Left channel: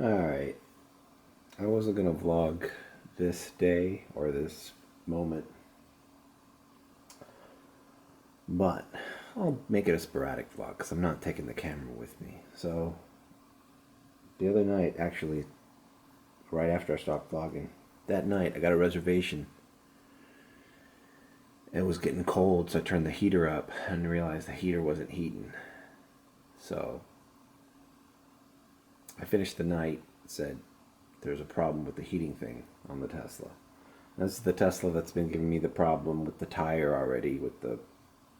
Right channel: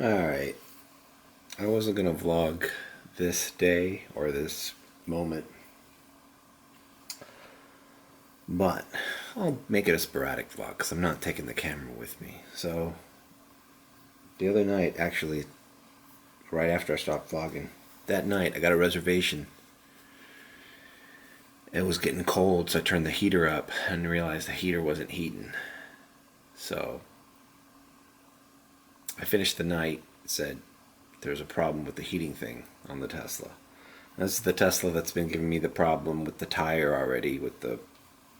Alright, I wasn't going to vlog this day or this moment, but I'll make it a sporadic vlog because I'm not taking the camera with me. So, the other night, actually, right after I stopped vlogging, that night I got a reservation. It was getting cold, so I turned the heater up and realized the heater wasn't heating. So, I finished the night, said there's a problem with the heating thing on the Tesla. This is the Tesla that's been giving me the problem with the tire already, with the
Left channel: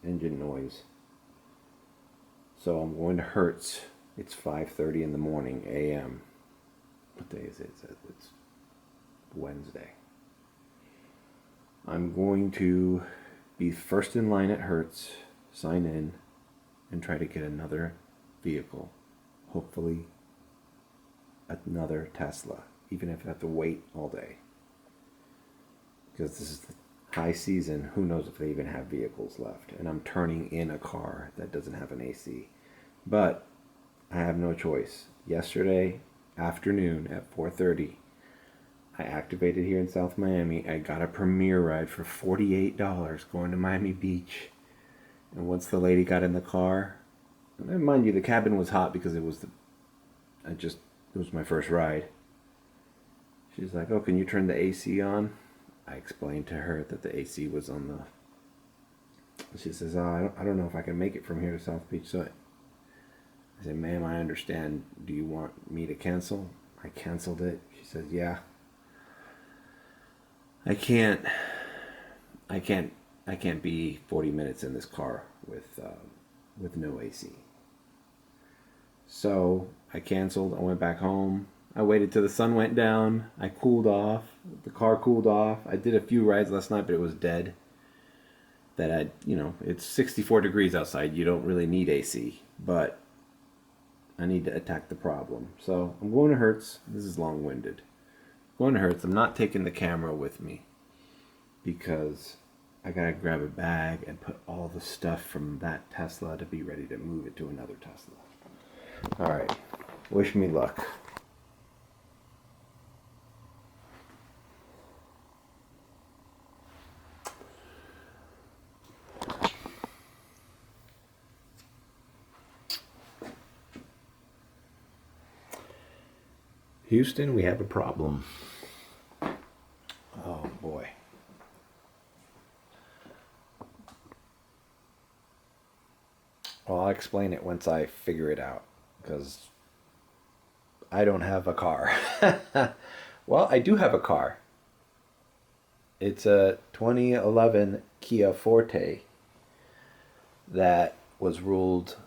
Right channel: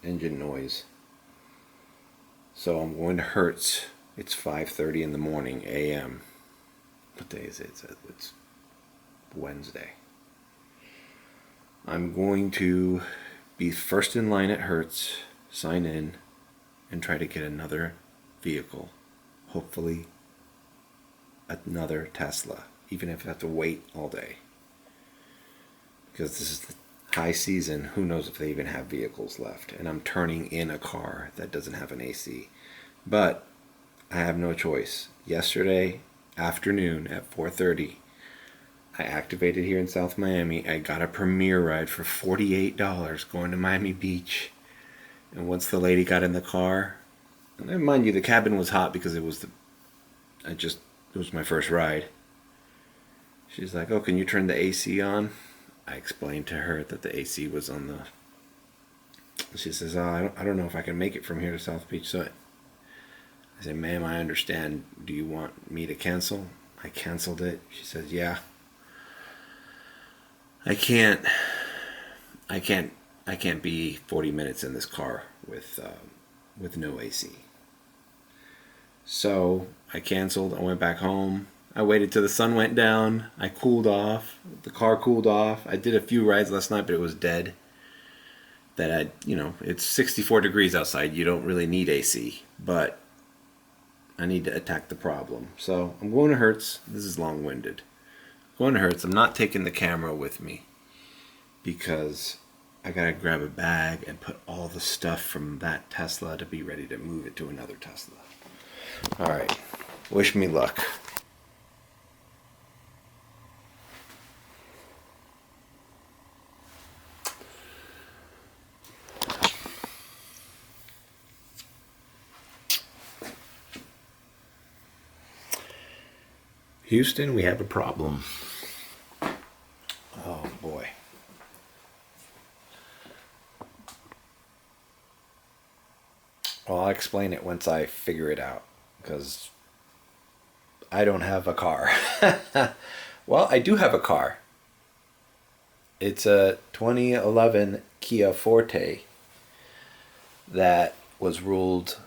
engine noise. So I'm going to Hertz. It's 5:30 in the morning, a.m. What day is it? It's Wednesday. I'm going to be first in line at Hertz, sign in, and try to get another vehicle. Hopefully another Tesla, even if I have to wait all day. Because this is the high season, who knows if they even have vehicles left. And I'm turning in a car that doesn't have an AC. But I have no choice. Yesterday afternoon at 4:30, I activated here in South Miami. I got a Premier ride for $48 going to Miami Beach. And once the lady got in the car, and mind you, the cabin was hot because it was it was my first ride. She's like, "Oh, can you turn the AC on?" I explained to her that the AC was on the... She says, "Oh, I don't know if I can make it from here to South Beach." So I said, "Ma'am, I understand. Do you want me to cancel?" I canceled it. She says, "Yeah. I can't be 40 minutes in this car with no AC." So I canceled. I went back home. I waited till the sun went down. I cooled off. The car cooled off. I did a few rides last night, but it was dead. It's 64 degrees outside. You don't really need AC, but I need to attack the problem. So I'm going to Hertz. This is long-winded. I'm going to Hertz. I'm not taking the camera with me because I gotta grab a bag and put all the stuff from that Tesla to be ready to move it to another Tesla. All right. Wish me luck. Houston, we have a problem. Oh boy. Well, I'll explain it once I figure it out, because I don't have a car. Well, I do have a car. It's a 2011 Kia Forte that was ruled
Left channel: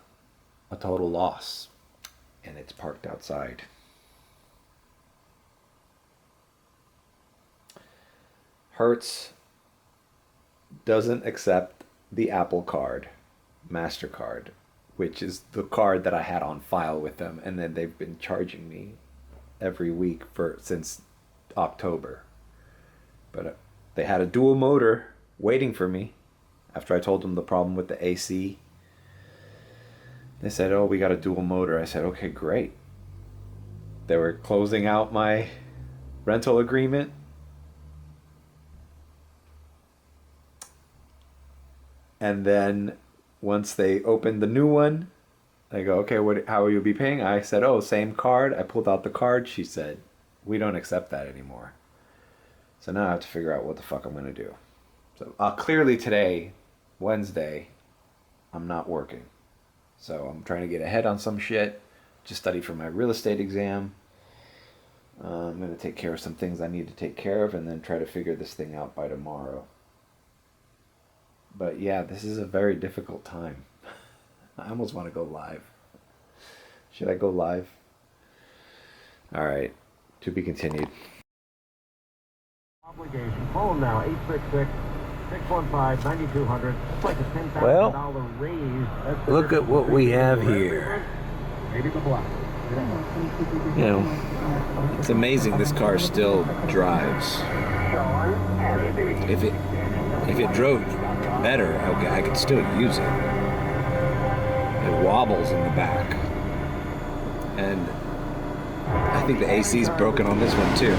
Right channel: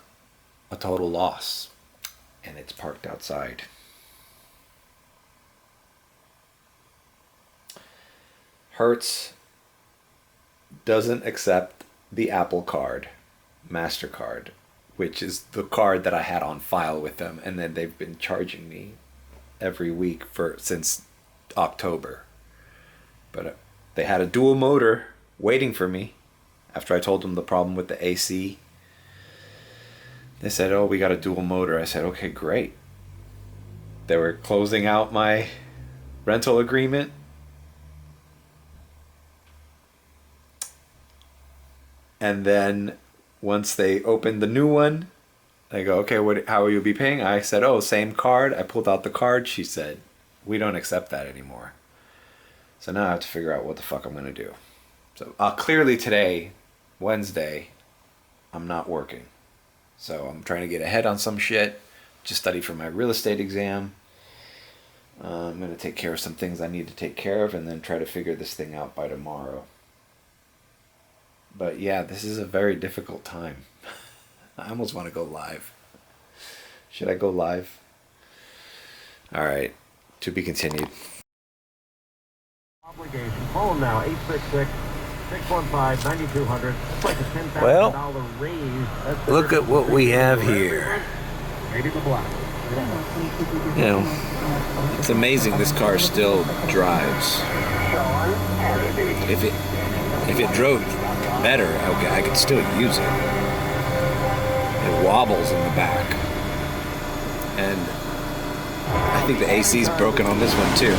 a total loss, and it's parked outside. Hertz doesn't accept the Apple Card, MasterCard, which is the card that I had on file with them, and then they've been charging me every week since October. But they had a dual motor waiting for me after I told them the problem with the AC. They said, "Oh, we got a dual motor." I said, "Okay, great." They were closing out my rental agreement. And then once they opened the new one, they go, "Okay, how will you be paying?" I said, "Oh, same card." I pulled out the card. She said, "We don't accept that anymore." So now I have to figure out what the fuck I'm going to do. So clearly today, Wednesday, I'm not working. So I'm trying to get ahead on some shit. Just study for my real estate exam. I'm going to take care of some things I need to take care of and then try to figure this thing out by tomorrow. But yeah, this is a very difficult time. I almost want to go live. Should I go live? All right, to be continued. Obligation. Call them now, 866-615-9200. That's like a $10,000 raise. Look at what we have here. Maybe the block. You know, it's amazing this car still drives. If it drove better, I could still use it. It wobbles in the back. And I think the AC's broken on this one too.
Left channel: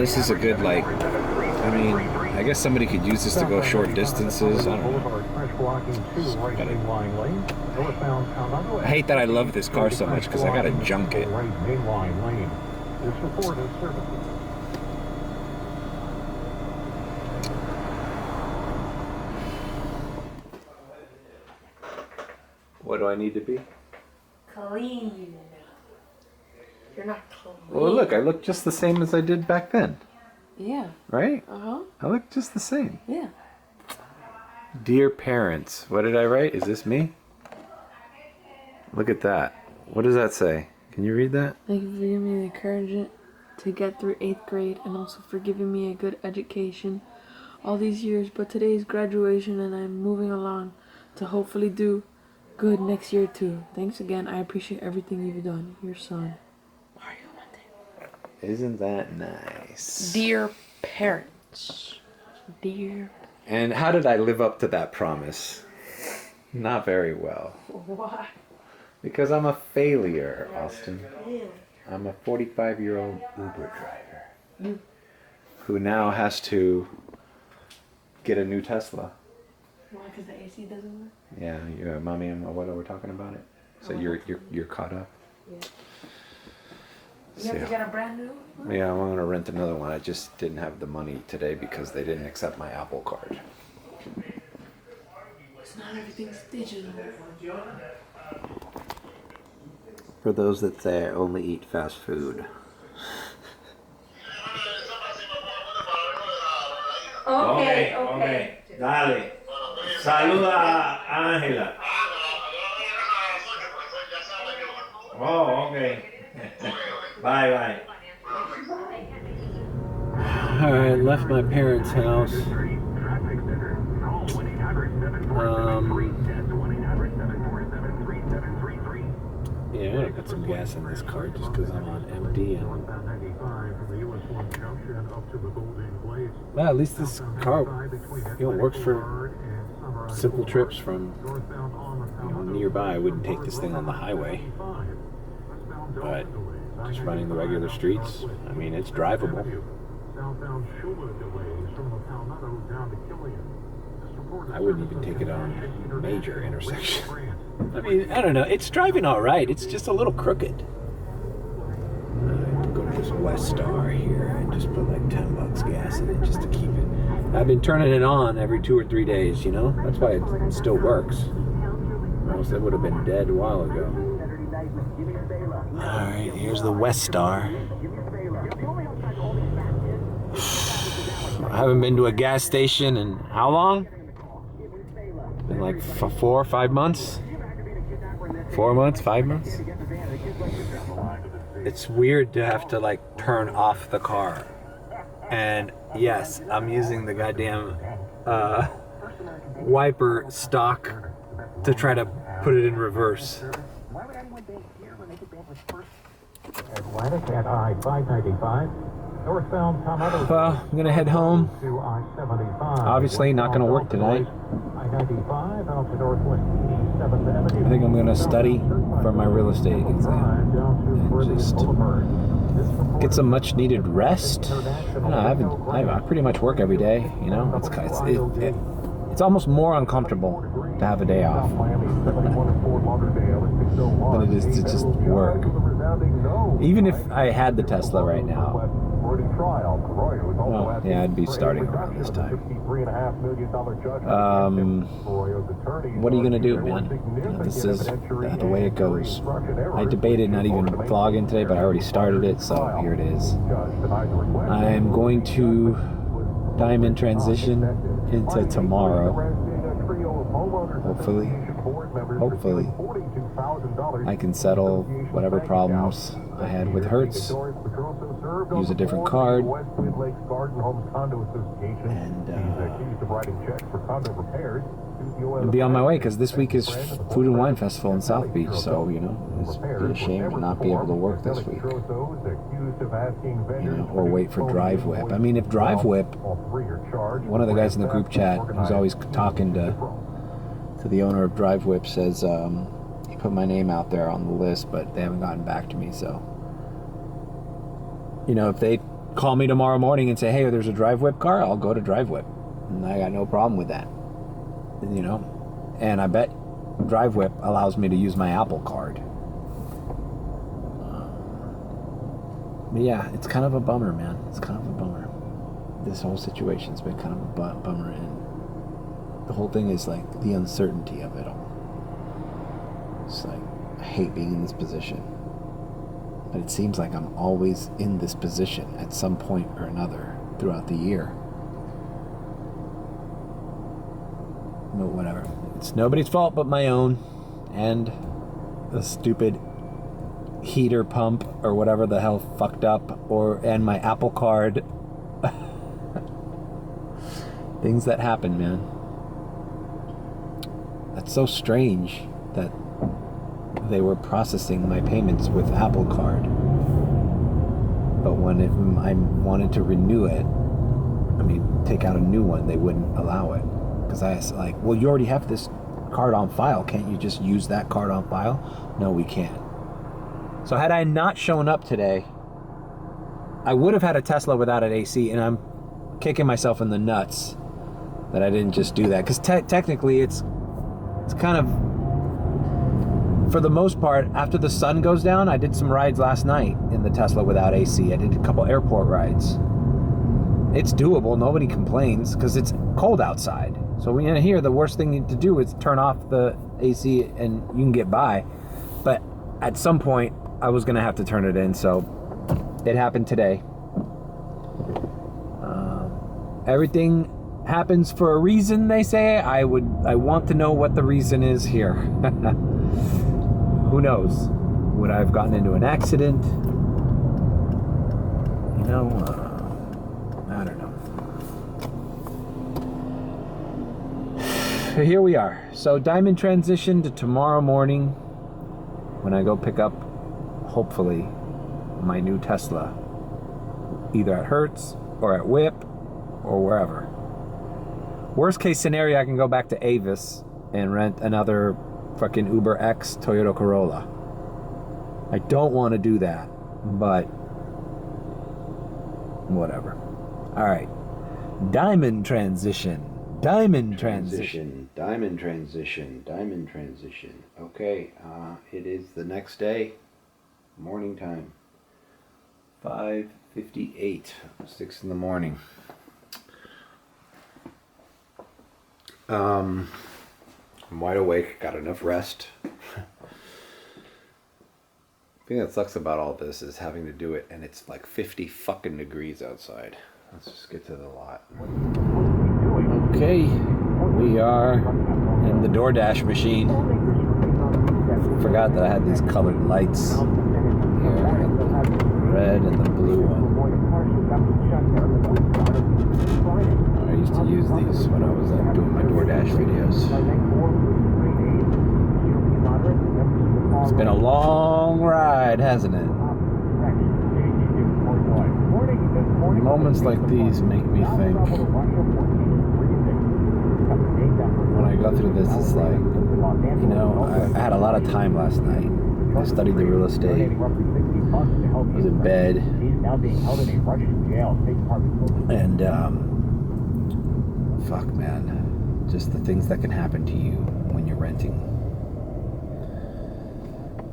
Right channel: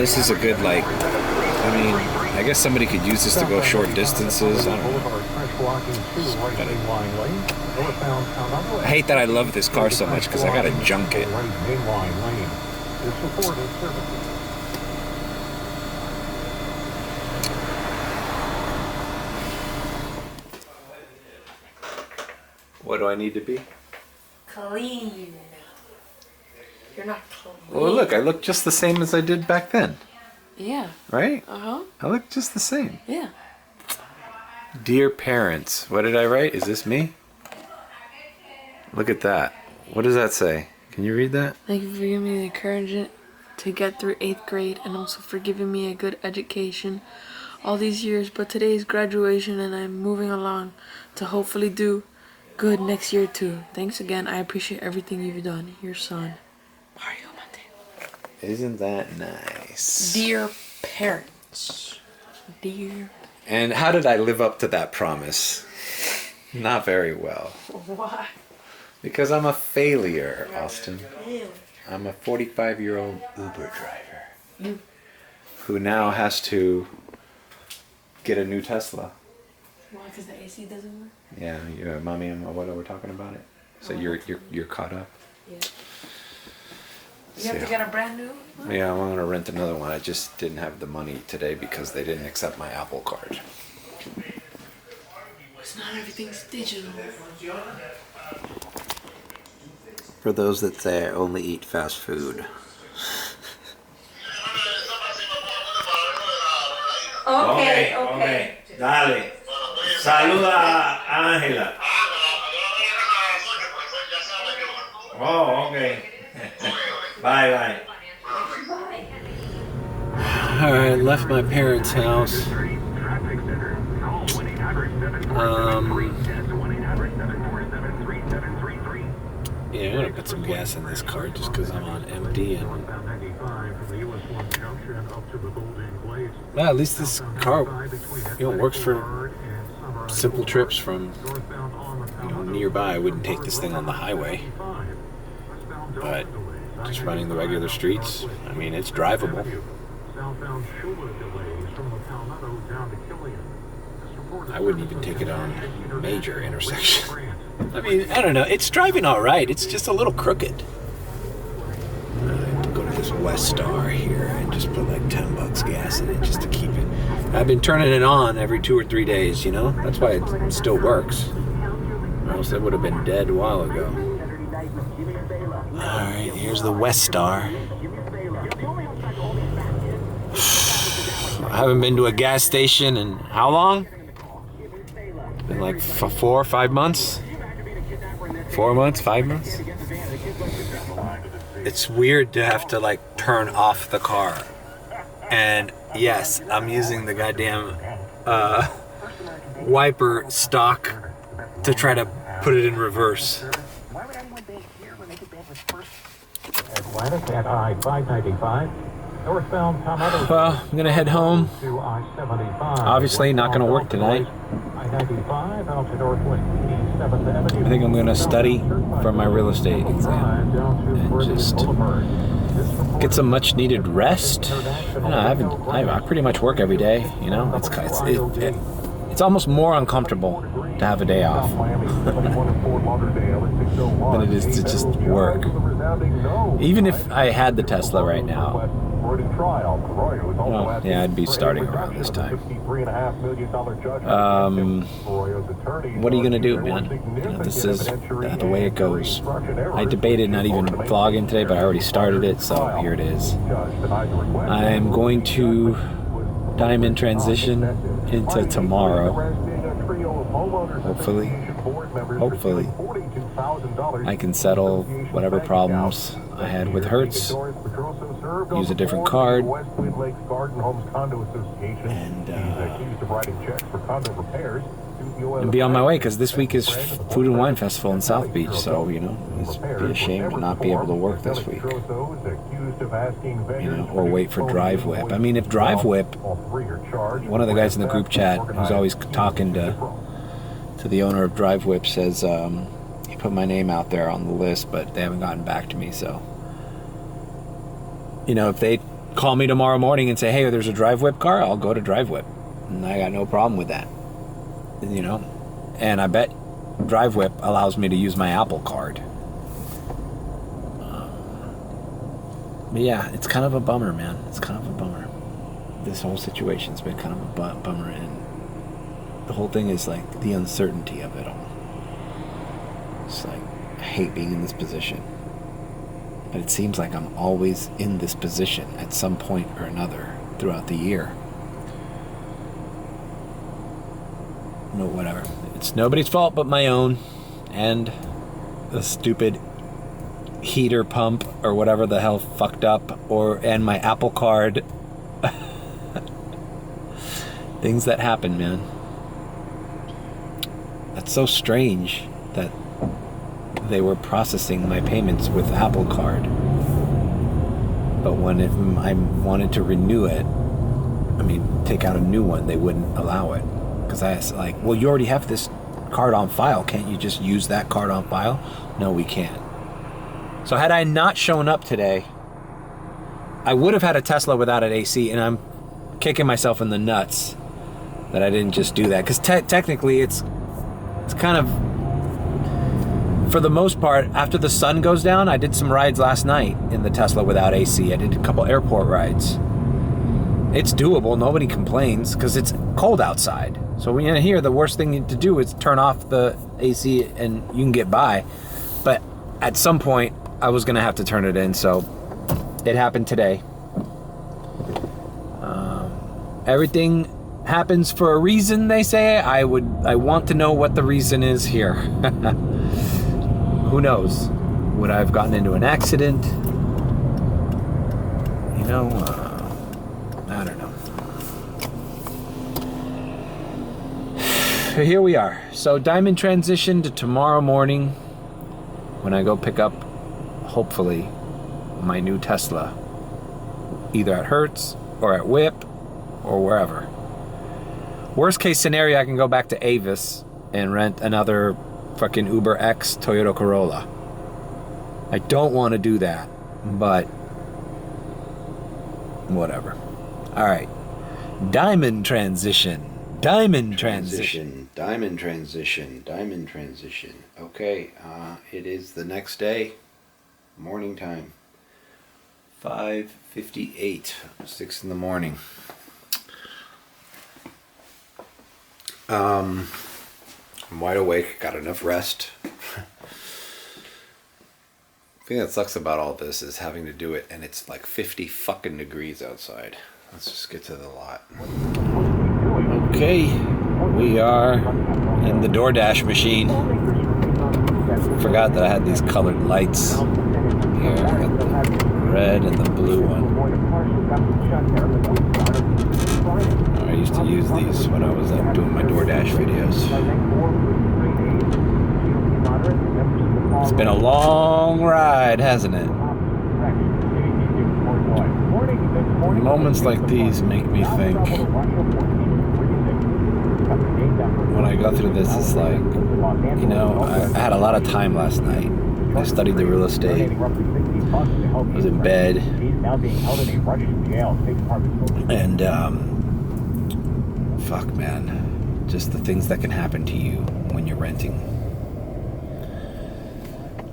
This is a good, like, I mean, I guess somebody could use this to go short distances. I don't know. I hate that I love this car so much because I gotta junk it. What do I need to be? Clean. You're not clean. Well, look, I look just the same as I did back then. Yeah. Right? Uh-huh. I look just the same. Yeah. Dear parents, what did I write? Is this me? Look at that. What does that say? Can you read that? Thank you for giving me the encouragement to get through 8th grade and also for giving me a good education all these years. But today is graduation and I'm moving along to hopefully do good next year too. Thanks again. I appreciate everything you've done. Your son, Mario Mateo. Isn't that nice? Dear parents. Dear. And how did I live up to that promise? Not very well. Why? Because I'm a failure, Austin. I'm a 45-year-old Uber driver who now has to get a new Tesla. Why? Because the AC doesn't work? Yeah, mommy and what we're talking about it. So you're caught up. Yeah. You have to get a brand new one? Yeah, I'm gonna rent another one. I just didn't have the money today because they didn't accept my Apple Card. It's not everything's digital. For those that say I only eat fast food. Okay. Dale. Saluda a Ángela. Oh, okay. Bye. Alright, left my parents' house. Yeah, I'm gonna put some gas in this car just because I'm on empty and well, at least this car, works for simple trips from nearby. I wouldn't take this thing on the highway, but just running the regular streets, I mean, it's drivable. I wouldn't even take it on major intersections. I mean, I don't know. It's driving all right. It's just a little crooked. I have to go to this West Star here and just put like $10 gas in it just to keep it. I've been turning it on every 2 or 3 days, That's why it still works. Or else it would have been dead a while ago. All right, here's the West Star. I haven't been to a gas station in how long? Been like 4 or 5 months? 4 months, 5 months? It's weird to have to like turn off the car. And yes, I'm using the goddamn wiper stock to try to put it in reverse. Atlantic at I-595. Northbound Tumultuous. Well, I'm gonna head home. To I-75. Obviously not gonna work tonight. I-95 out to Northwest 87th Avenue. I think I'm gonna study for my real estate exam and just get some much needed rest. I pretty much work every day, It's almost more uncomfortable to have a day off than it is to just work. Even if I had the Tesla right now, well, yeah, I'd be starting around this time. What are you gonna do, man? This is the way it goes. I debated not even vlogging today, but I already started it, so here it is. I'm going to diamond transition into tomorrow. Hopefully, I can settle whatever problems I had with Hertz, use a different card, and be on my way, because this week is Food and Wine Festival in South Beach, so, it's be a shame to not be able to work this week, or wait for Drive Whip. I mean, if Drive Whip, one of the guys in the group chat who's always talking to the owner of Drive Whip says, he put my name out there on the list, but they haven't gotten back to me. So, you know, if they call me tomorrow morning and say, hey, there's a Drive Whip car, I'll go to Drive Whip. And I got no problem with that, you know. And I bet Drive Whip allows me to use my Apple Card. But yeah, it's kind of a bummer, man. It's kind of a bummer. This whole situation's been kind of a bummer, and the whole thing is like the uncertainty of it all. It's like, I hate being in this position. But it seems like I'm always in this position at some point or another throughout the year. No, whatever. It's nobody's fault but my own, and the stupid heater pump or whatever the hell fucked up, and my Apple Card. Things that happen, man. That's so strange that they were processing my payments with Apple Card, but when I wanted to renew it, take out a new one, they wouldn't allow it, because I was like, well, you already have this card on file, can't you just use that card on file? No, we can't. So had I not shown up today, I would have had a Tesla without an AC, and I'm kicking myself in the nuts that I didn't just do that, because technically it's kind of, for the most part, after the sun goes down. I did some rides last night in the Tesla without AC. I did a couple airport rides. It's doable. Nobody complains because it's cold outside. So when you're here, the worst thing to do is turn off the AC and you can get by. But at some point, I was going to have to turn it in. So it happened today. Everything happens for a reason, they say. I want to know what the reason is here. Who knows? Would I have gotten into an accident? You know, I don't know. Here we are. So Diamond transition to tomorrow morning when I go pick up, hopefully, my new Tesla. Either at Hertz or at Whip or wherever. Worst case scenario, I can go back to Avis and rent another fucking Uber X Toyota Corolla. I don't want to do that, but whatever. All right. Diamond transition. Diamond transition. Diamond transition. Diamond transition. Okay, it is the next day, morning time. 5:58, 6 in the morning. I'm wide awake, got enough rest. The thing that sucks about all this is having to do it, and it's like 50 fucking degrees outside. Let's just get to the lot. Okay, we are in the DoorDash machine. Forgot that I had these colored lights here. I got the red and the blue one. I used to use these when I was doing my DoorDash videos. It's been a long ride, hasn't it? Moments like these make me think, when I go through this, it's like, you know, I had a lot of time last night. I studied the real estate, was in bed, and fuck, man, just the things that can happen to you when you're renting.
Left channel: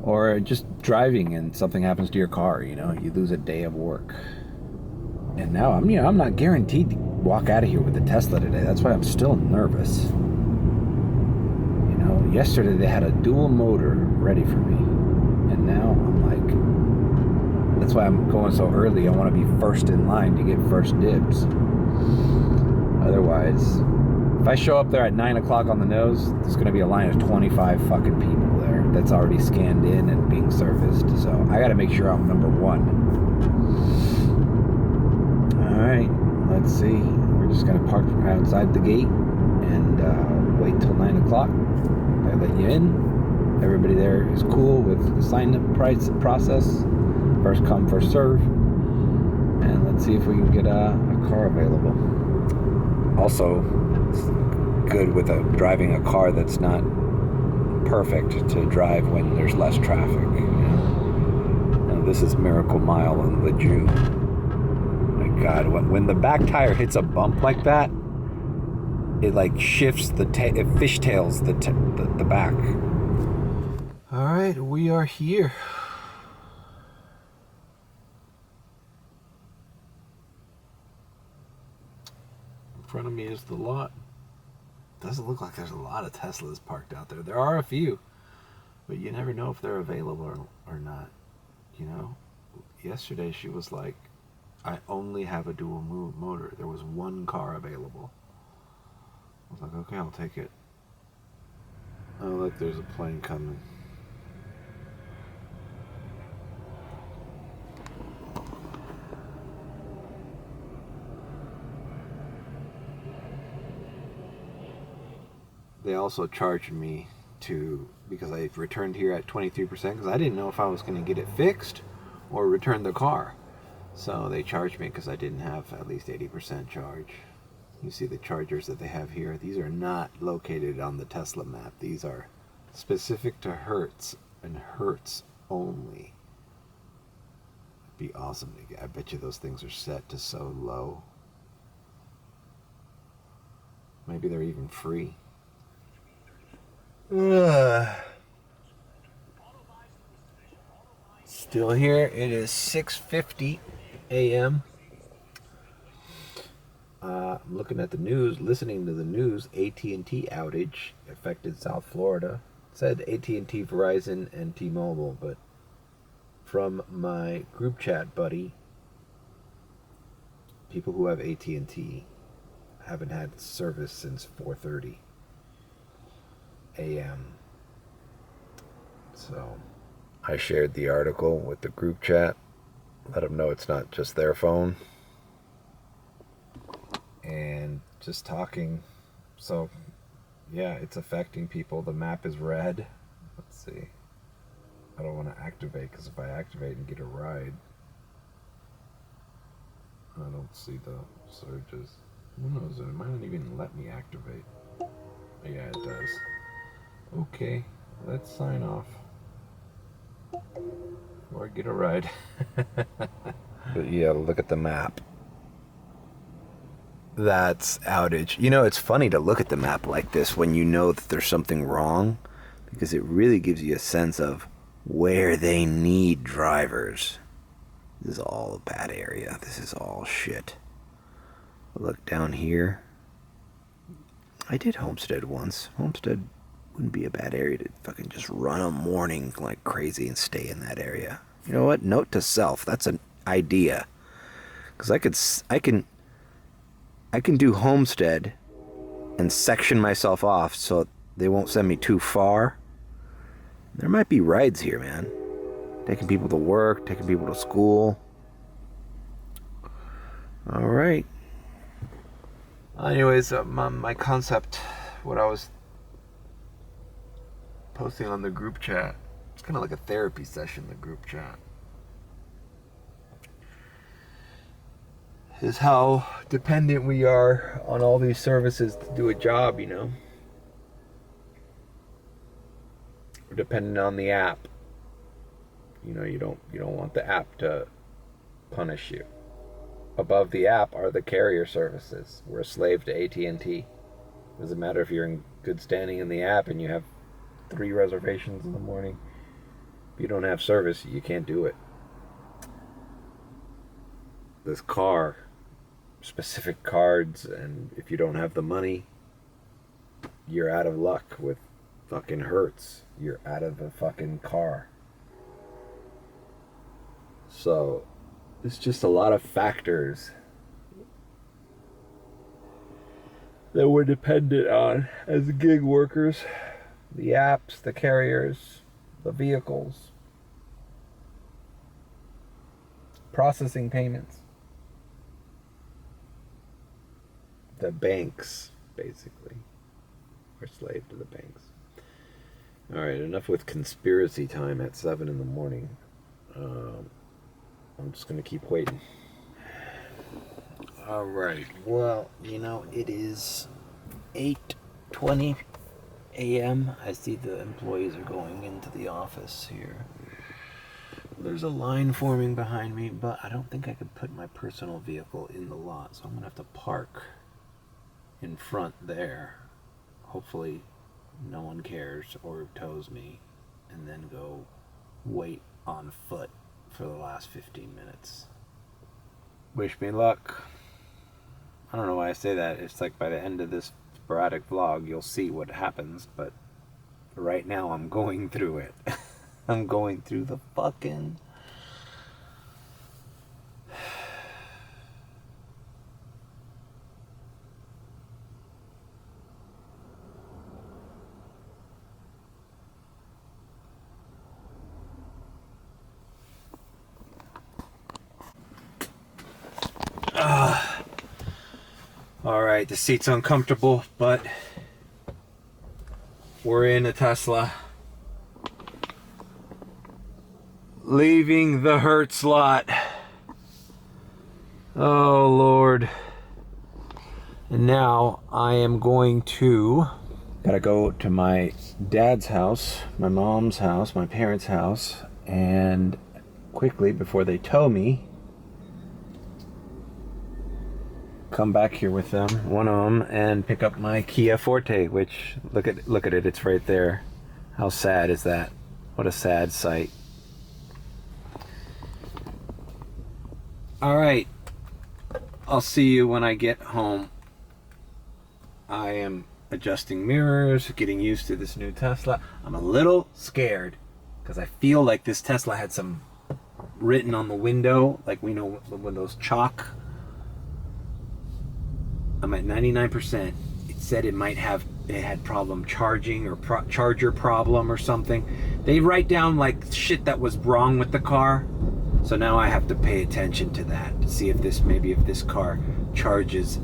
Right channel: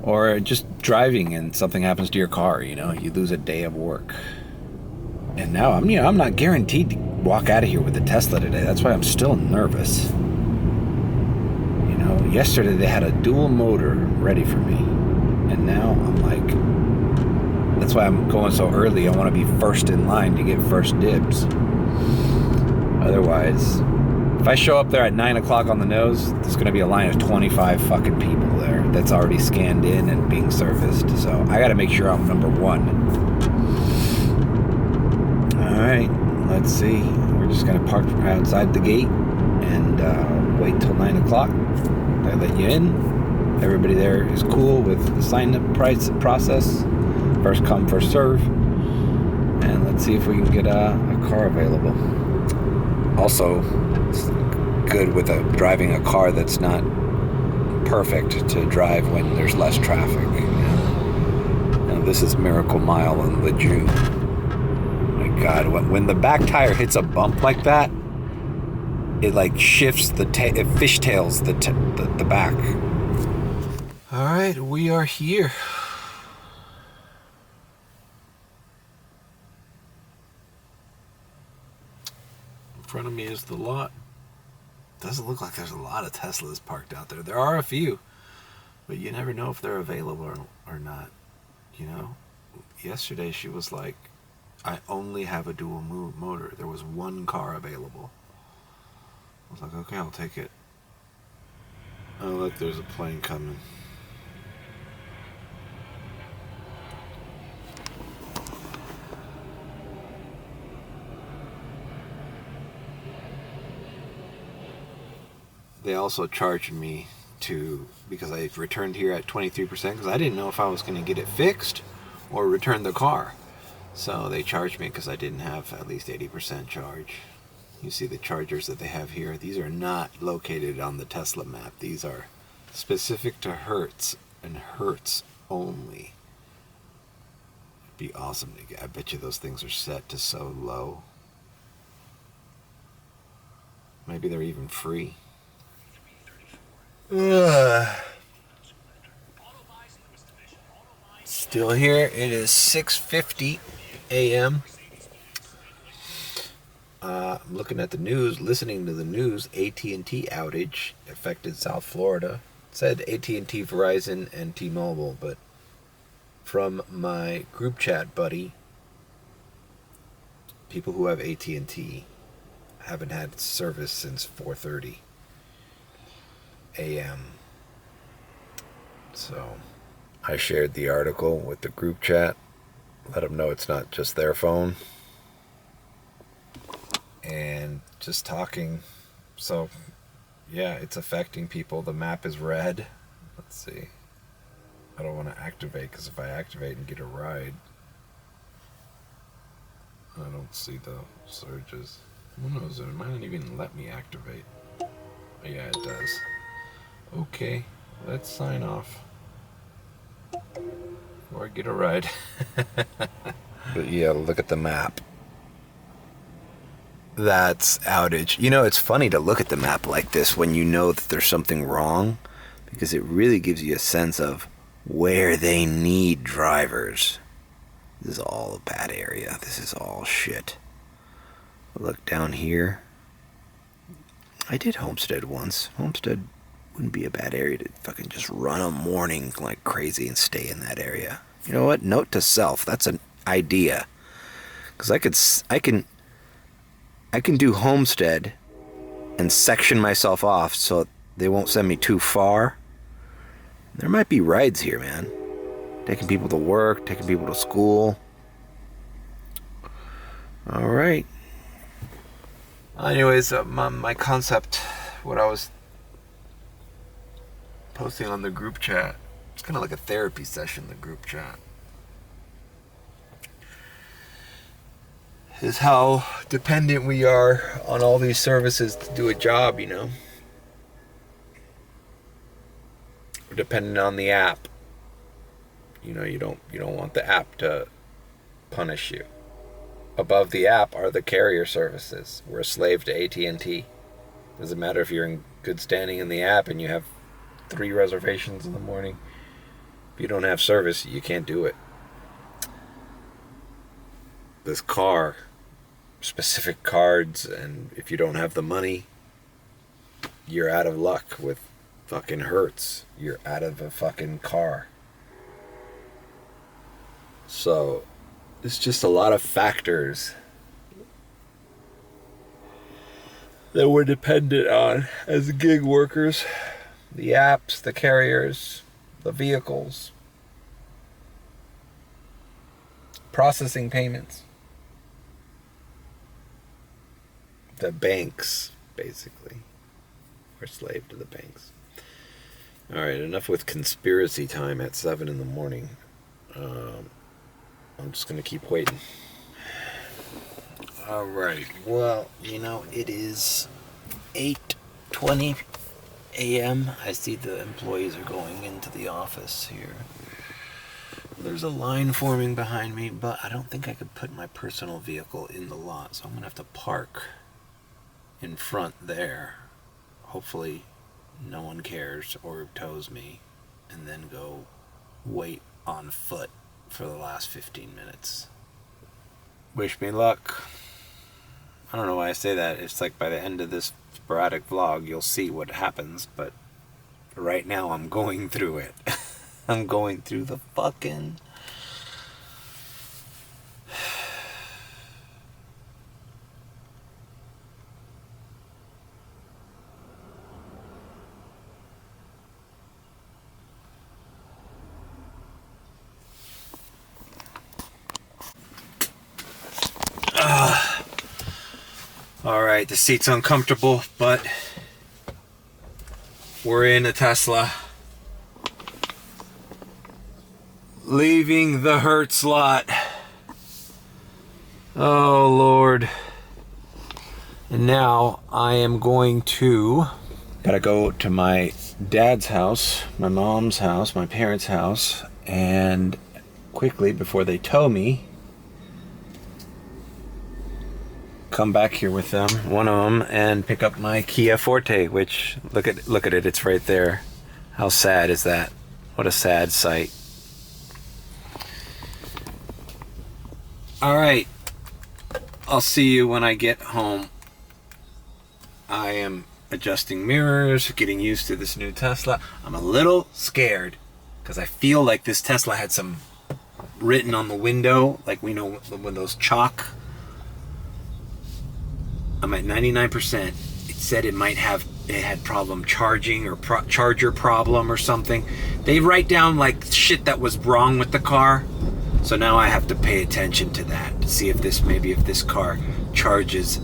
Or just driving and something happens to your car, you know, you lose a day of work. And now I'm not guaranteed to walk out of here with a Tesla today. That's why I'm still nervous. You know, yesterday they had a dual motor ready for me. And now I'm like, that's why I'm going so early. I want to be first in line to get first dibs. Otherwise, if I show up there at 9 o'clock on the nose, there's going to be a line of 25 fucking people there that's already scanned in and being serviced. So I got to make sure I'm number one. All right, let's see. We're just going to park outside the gate and wait till 9 o'clock. They let you in. Everybody there is cool with the sign-up process. First come, first serve. And let's see if we can get a car available. Also, it's good with driving a car that's not perfect to drive when there's less traffic. You know? And this is Miracle Mile in Lejeune. My God, when the back tire hits a bump like that, it like shifts it fishtails the back. All right, we are here. In front of me is the lot. Doesn't look like there's a lot of Teslas parked out there. There are a few, but you never know if they're available or not. You know, yesterday she was like, I only have a dual motor. There was one car available. I was like, okay, I'll take it. Oh, look, there's a plane coming. They also charged me because I returned here at 23% because I didn't know if I was going to get it fixed or return the car. So they charged me because I didn't have at least 80% charge. You see the chargers that they have here. These are not located on the Tesla map. These are specific to Hertz and Hertz only. It'd be awesome to get. I bet you those things are set to so low. Maybe they're even free. Still here. It is 6:50 a.m. I'm looking at the news, listening to the news. AT&T outage affected South Florida. It said AT&T, Verizon, and T-Mobile, but from my group chat buddy, people who have AT&T haven't had service since 4:30 a.m. So I shared the article with the group chat, let them know it's not just their phone, and just talking. So yeah, it's affecting people. The map is red. Let's see. I don't want to activate because if I activate and get a ride, I don't see the surges. Who knows? It might not even let me activate. Yeah, it does. Okay, let's sign off. Or get a ride. But yeah, look at the map. That's outage. You know, it's funny to look at the map like this when you know that there's something wrong, because it really gives you a sense of where they need drivers. This is all a bad area. This is all shit. Look down here. I did Homestead once. Homestead wouldn't be a bad area to fucking just run a morning like crazy and stay in that area. You know what? Note to self. That's an idea. Because I can do Homestead and section myself off so they won't send me too far. There might be rides here, man. Taking people to work, taking people to school. All right. Anyways, my concept, what I was posting on the group chat, it's kind of like a therapy session, the group chat, is how dependent we are on all these services to do a job, you know. We're dependent on the app. You know, you don't want the app to punish you. Above the app are the carrier services. We're a slave to AT&T. Doesn't matter if you're in good standing in the app and you have 3 reservations in the morning. If you don't have service, you can't do it. This car, specific cards, and if you don't have the money, you're out of luck with fucking Hertz. You're out of a fucking car. So it's just a lot of factors that we're dependent on as gig workers. The apps, the carriers, the vehicles, processing payments, the banks, basically. We're slave to the banks. All right, enough with conspiracy time at 7 in the morning. I'm just going to keep waiting. All right. Well, you know, it is 8:20 a.m. I see the employees are going into the office here. There's a line forming behind me, but I don't think I could put my personal vehicle in the lot, so I'm gonna have to park in front there. Hopefully no one cares or tows me, and then go wait on foot for the last 15 minutes. Wish me luck. I don't know why I say that. It's like by the end of this sporadic vlog, you'll see what happens, but right now I'm going through it. I'm going through the fucking... Alright, the seat's uncomfortable, but we're in a Tesla. Leaving the Hertz lot. Oh Lord. And now I am going to... Gotta go to my dad's house, my mom's house, my parents' house, and quickly, before they tow me, come back here with them, one of them, and pick up my Kia Forte, which, look at it, it's right there. How sad is that? What a sad sight. All right, I'll see you when I get home. I am adjusting mirrors, getting used to this new Tesla. I'm a little scared because I feel like this Tesla had some written on the window, like we know when those chalk. I'm at 99%. It said it had problem charging or charger problem or something. They write down like shit that was wrong with the car. So now I have to pay attention to that to see if this car charges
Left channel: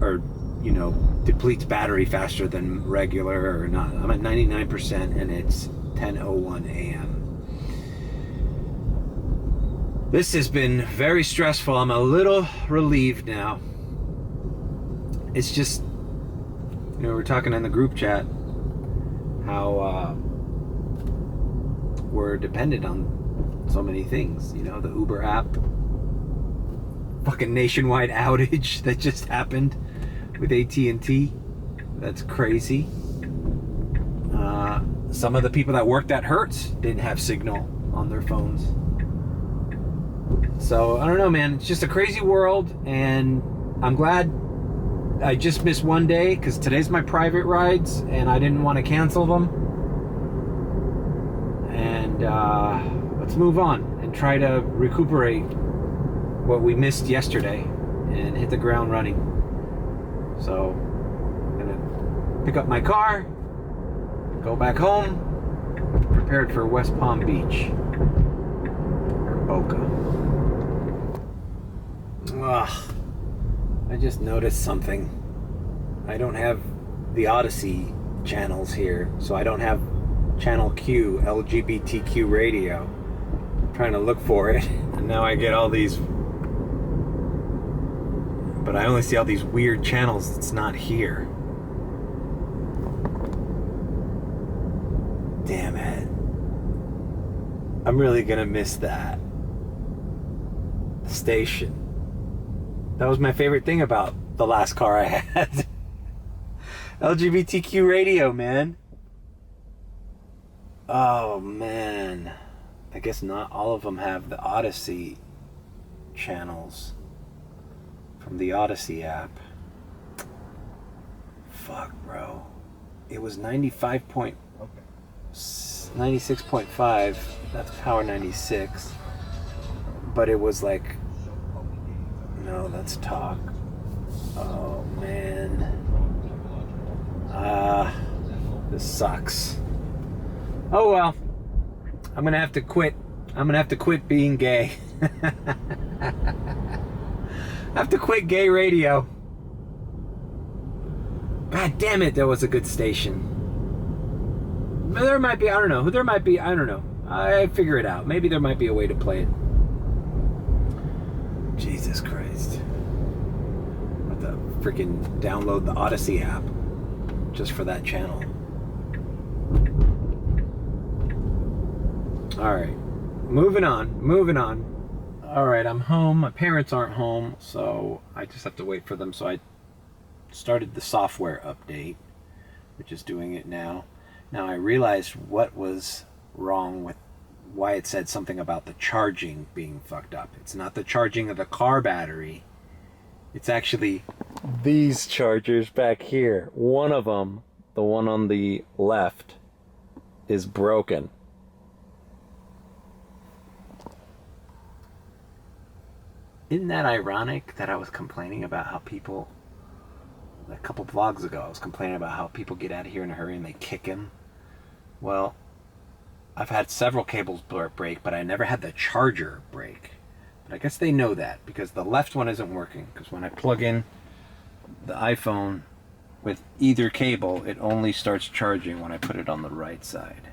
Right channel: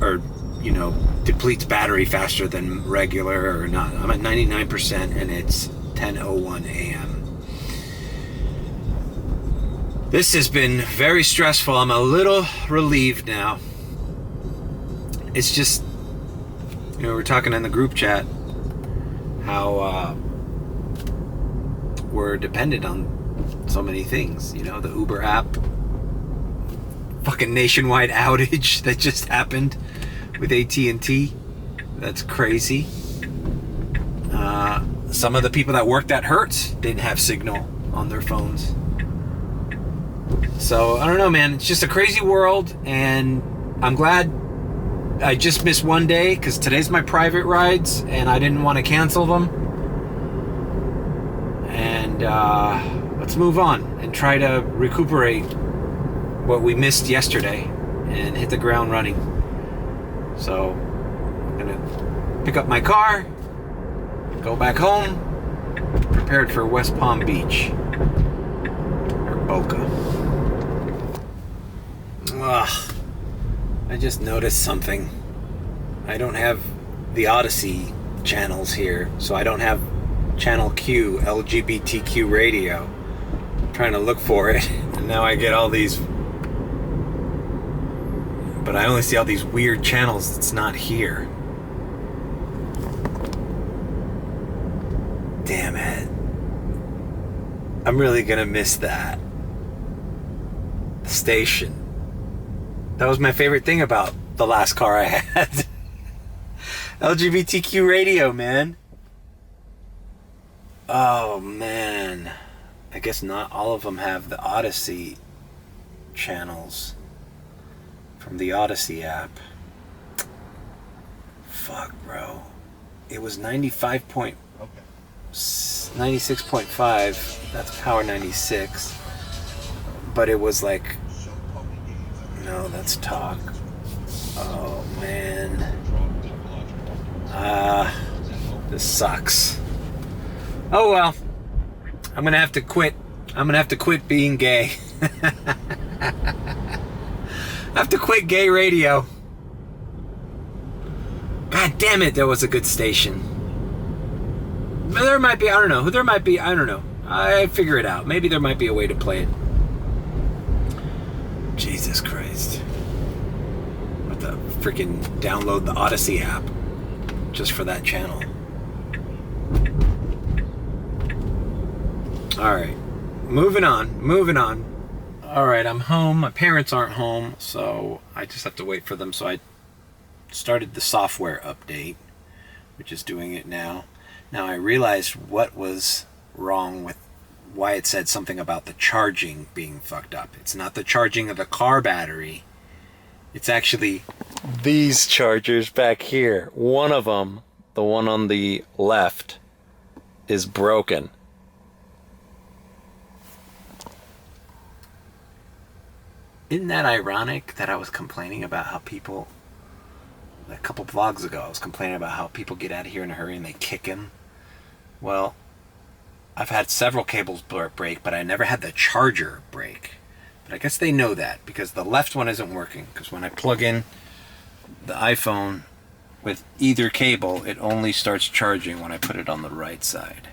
or, you know, depletes battery faster than regular or not. I'm at 99% and it's 10:01 a.m. This has been very stressful. I'm a little relieved now. It's just, you know, we're talking in the group chat how we're dependent on so many things. You know, the Uber app, fucking nationwide outage that just happened with AT&T. That's crazy. Some of the people that worked at Hertz didn't have signal on their phones. So, I don't know, man. It's just a crazy world, and I'm glad I just missed one day, because today's my private rides, and I didn't want to cancel them. And let's move on and try to recuperate what we missed yesterday and hit the ground running. So, I'm going to pick up my car, go back home, prepared for West Palm Beach, or Boca. Ugh, I just noticed something. I don't have the Odyssey channels here, so I don't have channel Q, LGBTQ radio. I'm trying to look for it, and now I get all these, but I only see all these weird channels that's not here. Damn it. I'm really gonna miss that. The station. That was my favorite thing about the last car I had. LGBTQ radio, man. Oh, man. I guess not all of them have the Odyssey channels from the Odyssey app. Fuck, bro. It was 96.5. That's Power 96. But it was like... No, that's talk. Oh, man. This sucks. Oh, well. I'm gonna have to quit. I'm gonna have to quit being gay. I have to quit gay radio. God damn it, that was a good station. There might be, I don't know. There might be, I don't know. I figure it out. Maybe there might be a way to play it. Jesus Christ. What the freaking download the Odyssey app. just for that channel. All right, moving on. All right, I'm home. My parents aren't home, so I just have to wait for them. So I started the software update, which is doing it now. Now I realized what was wrong with why it said something about the charging being fucked up. It's not the charging of the car battery. It's actually these chargers back here. One of them, the one on the left, is broken. Isn't that ironic that I was complaining about how people, a couple vlogs ago, I was complaining about how people get out of here in a hurry and they kick him? Well, I've had several cables break, but I never had the charger break. But I guess they know that because the left one isn't working. Because when I plug in the iPhone with either cable, it only starts charging when I put it on the right side.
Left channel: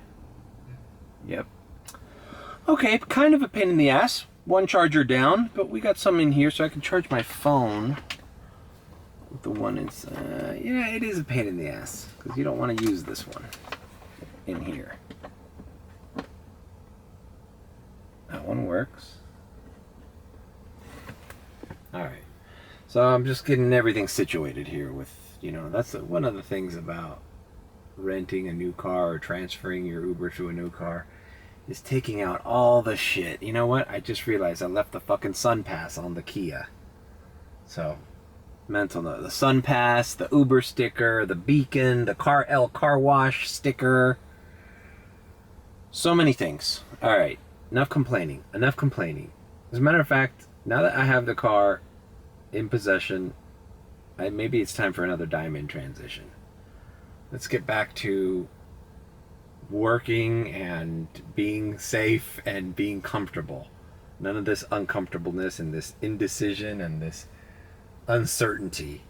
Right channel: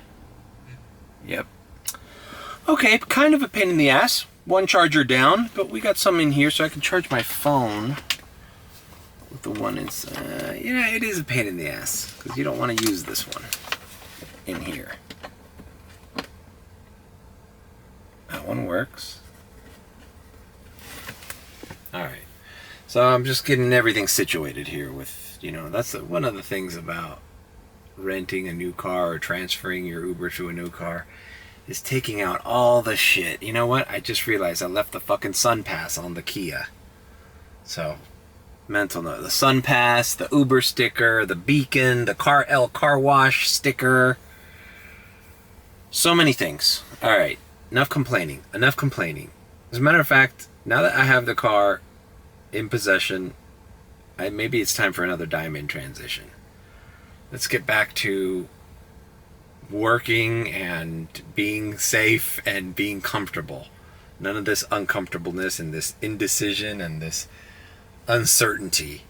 Yep. Okay, kind of a pain in the ass. One charger down, but we got some in here so I can charge my phone with the one inside. Yeah, it is a pain in the ass because you don't want to use this one in here. That one works. All right. So I'm just getting everything situated here with, that's one of the things about renting a new car or transferring your Uber to a new car. Is taking out all the shit. You know what? I just realized I left the fucking Sun Pass on the Kia. So, mental note. The Sun Pass, the Uber sticker, the beacon, the car wash sticker. So many things. Alright, enough complaining. As a matter of fact, now that I have the car in possession, maybe it's time for another diamond transition. Let's get back to working and being safe and being comfortable. None of this uncomfortableness and this indecision and this uncertainty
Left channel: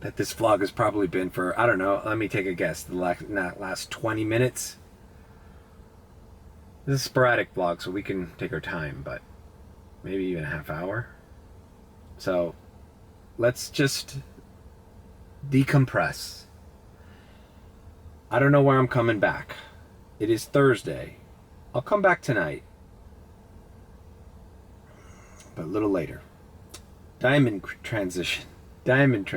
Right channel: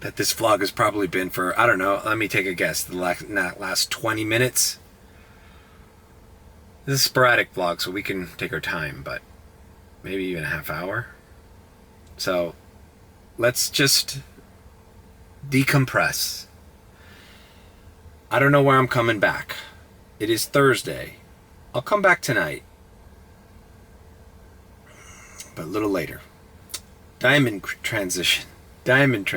that this vlog has probably been for, I don't know, let me take a guess, the last 20 minutes. This is a sporadic vlog, so we can take our time, but maybe even a half hour. So let's just decompress. I don't know where I'm coming back. It is Thursday. I'll come back tonight. But a little later. Diamond transition. Okay,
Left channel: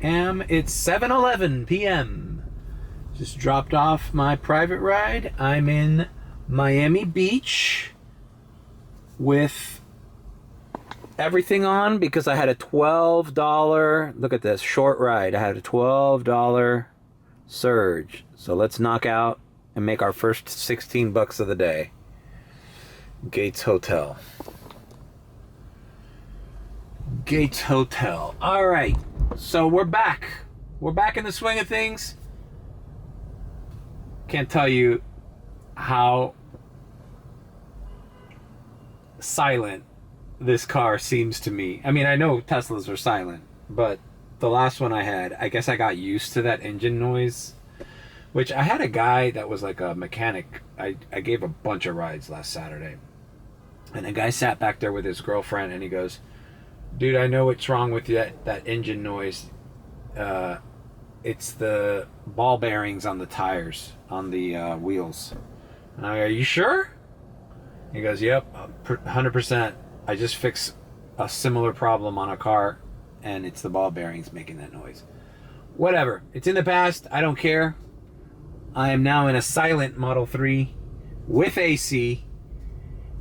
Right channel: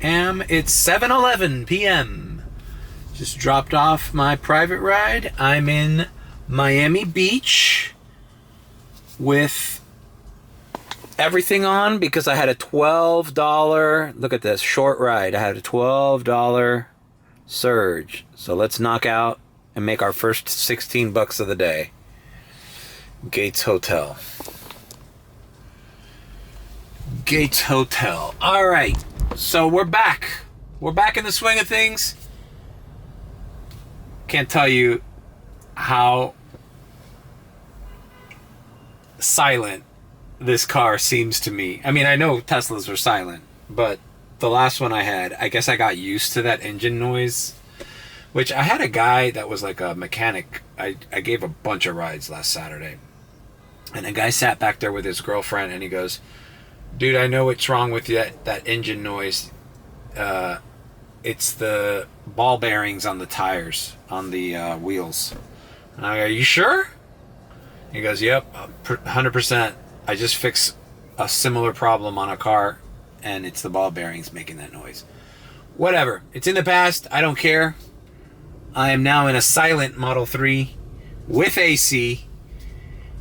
it's 7:11 p.m. Just dropped off my private ride. I'm in Miami Beach with everything on because I had a $12, look at this, short ride. I had a $12 surge. So let's knock out and make our first $16 of the day. Gates Hotel. All right. So we're back. We're back in the swing of things. Can't tell you how silent this car seems to me. I mean, I know Teslas are silent, but the last one I had, I guess I got used to that engine noise, which I had a guy that was like a mechanic. I gave a bunch of rides last Saturday, and a guy sat back there with his girlfriend, and he goes, dude, I know what's wrong with that engine noise. It's the ball bearings on the tires, on the wheels. And I go, are you sure? He goes, yep, 100%. I just fixed a similar problem on a car, and it's the ball bearings making that noise. Whatever. It's in the past. I don't care. I am now in a silent Model 3 with AC,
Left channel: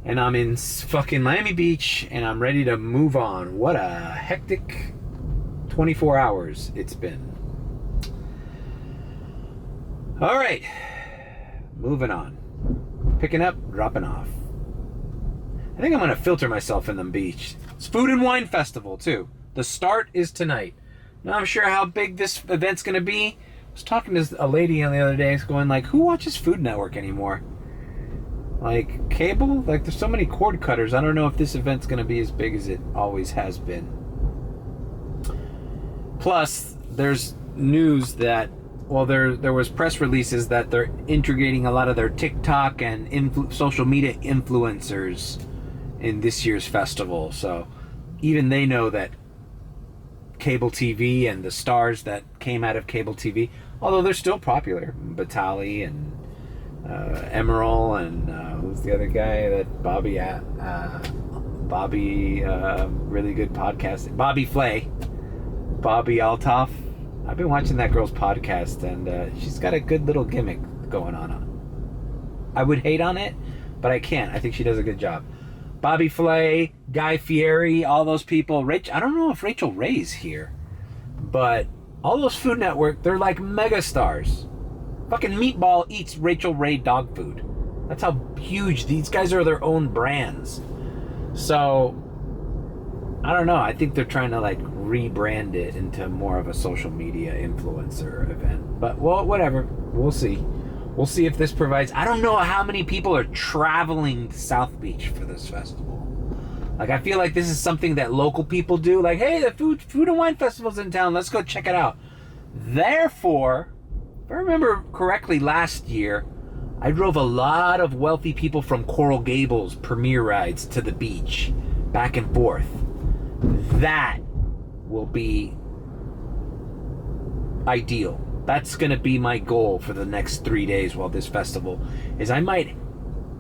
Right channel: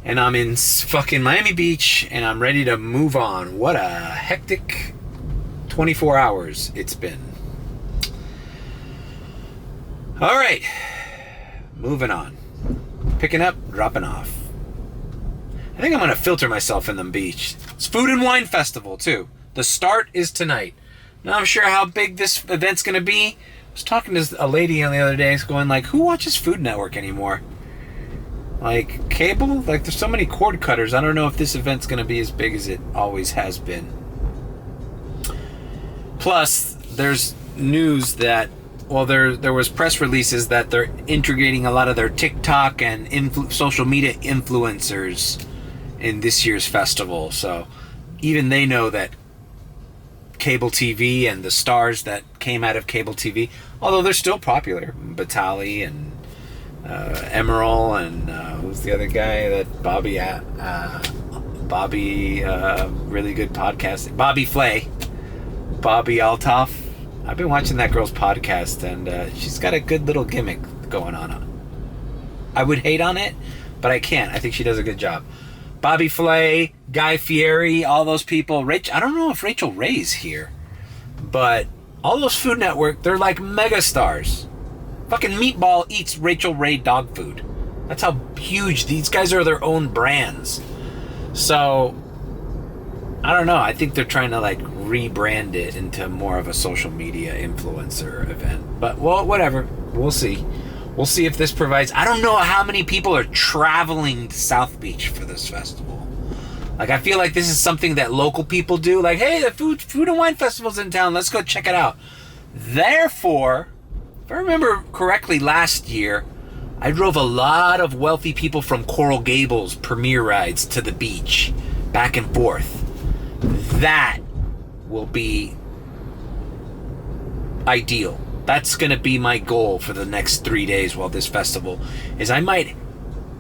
and I'm in fucking Miami Beach, and I'm ready to move on. What a hectic 24 hours it's been. All right. Moving on. Picking up, dropping off. I think I'm going to filter myself in the beach. It's Food and Wine Festival, too. The start is tonight. Not I'm sure how big this event's going to be. I was talking to a lady on the other day going like, who watches Food Network anymore? Like, cable? Like, there's so many cord cutters. I don't know if this event's going to be as big as it always has been. Plus, there's news that, well, there was press releases that they're integrating a lot of their TikTok and social media influencers in this year's festival. So even they know that cable TV and the stars that came out of cable TV, although they're still popular, Batali and Emerald and who's the other guy that Bobby, really good podcast, Bobby Flay, Bobby Altoff. I've been watching that girl's podcast, and she's got a good little gimmick going on. I would hate on it, but I can't. I think she does a good job. Bobby Flay, Guy Fieri, all those people. I don't know if Rachel Ray's here, but all those Food Network, they're like mega stars. Fucking Meatball eats Rachel Ray dog food. That's how huge these guys are. Their own brands. So I don't know. I think they're trying to like rebrand it into more of a social media influencer event. But well, whatever. We'll see. We'll see if this provides... I don't know how many people are traveling to South Beach for this festival. Like, I feel like this is something that local people do. Like, hey, the food and wine festival's in town. Let's go check it out. Therefore, if I remember correctly, last year, I drove a lot of wealthy people from Coral Gables premiere rides to the beach, back and forth. That will be ideal. That's gonna be my goal for the next 3 days while this festival is. I might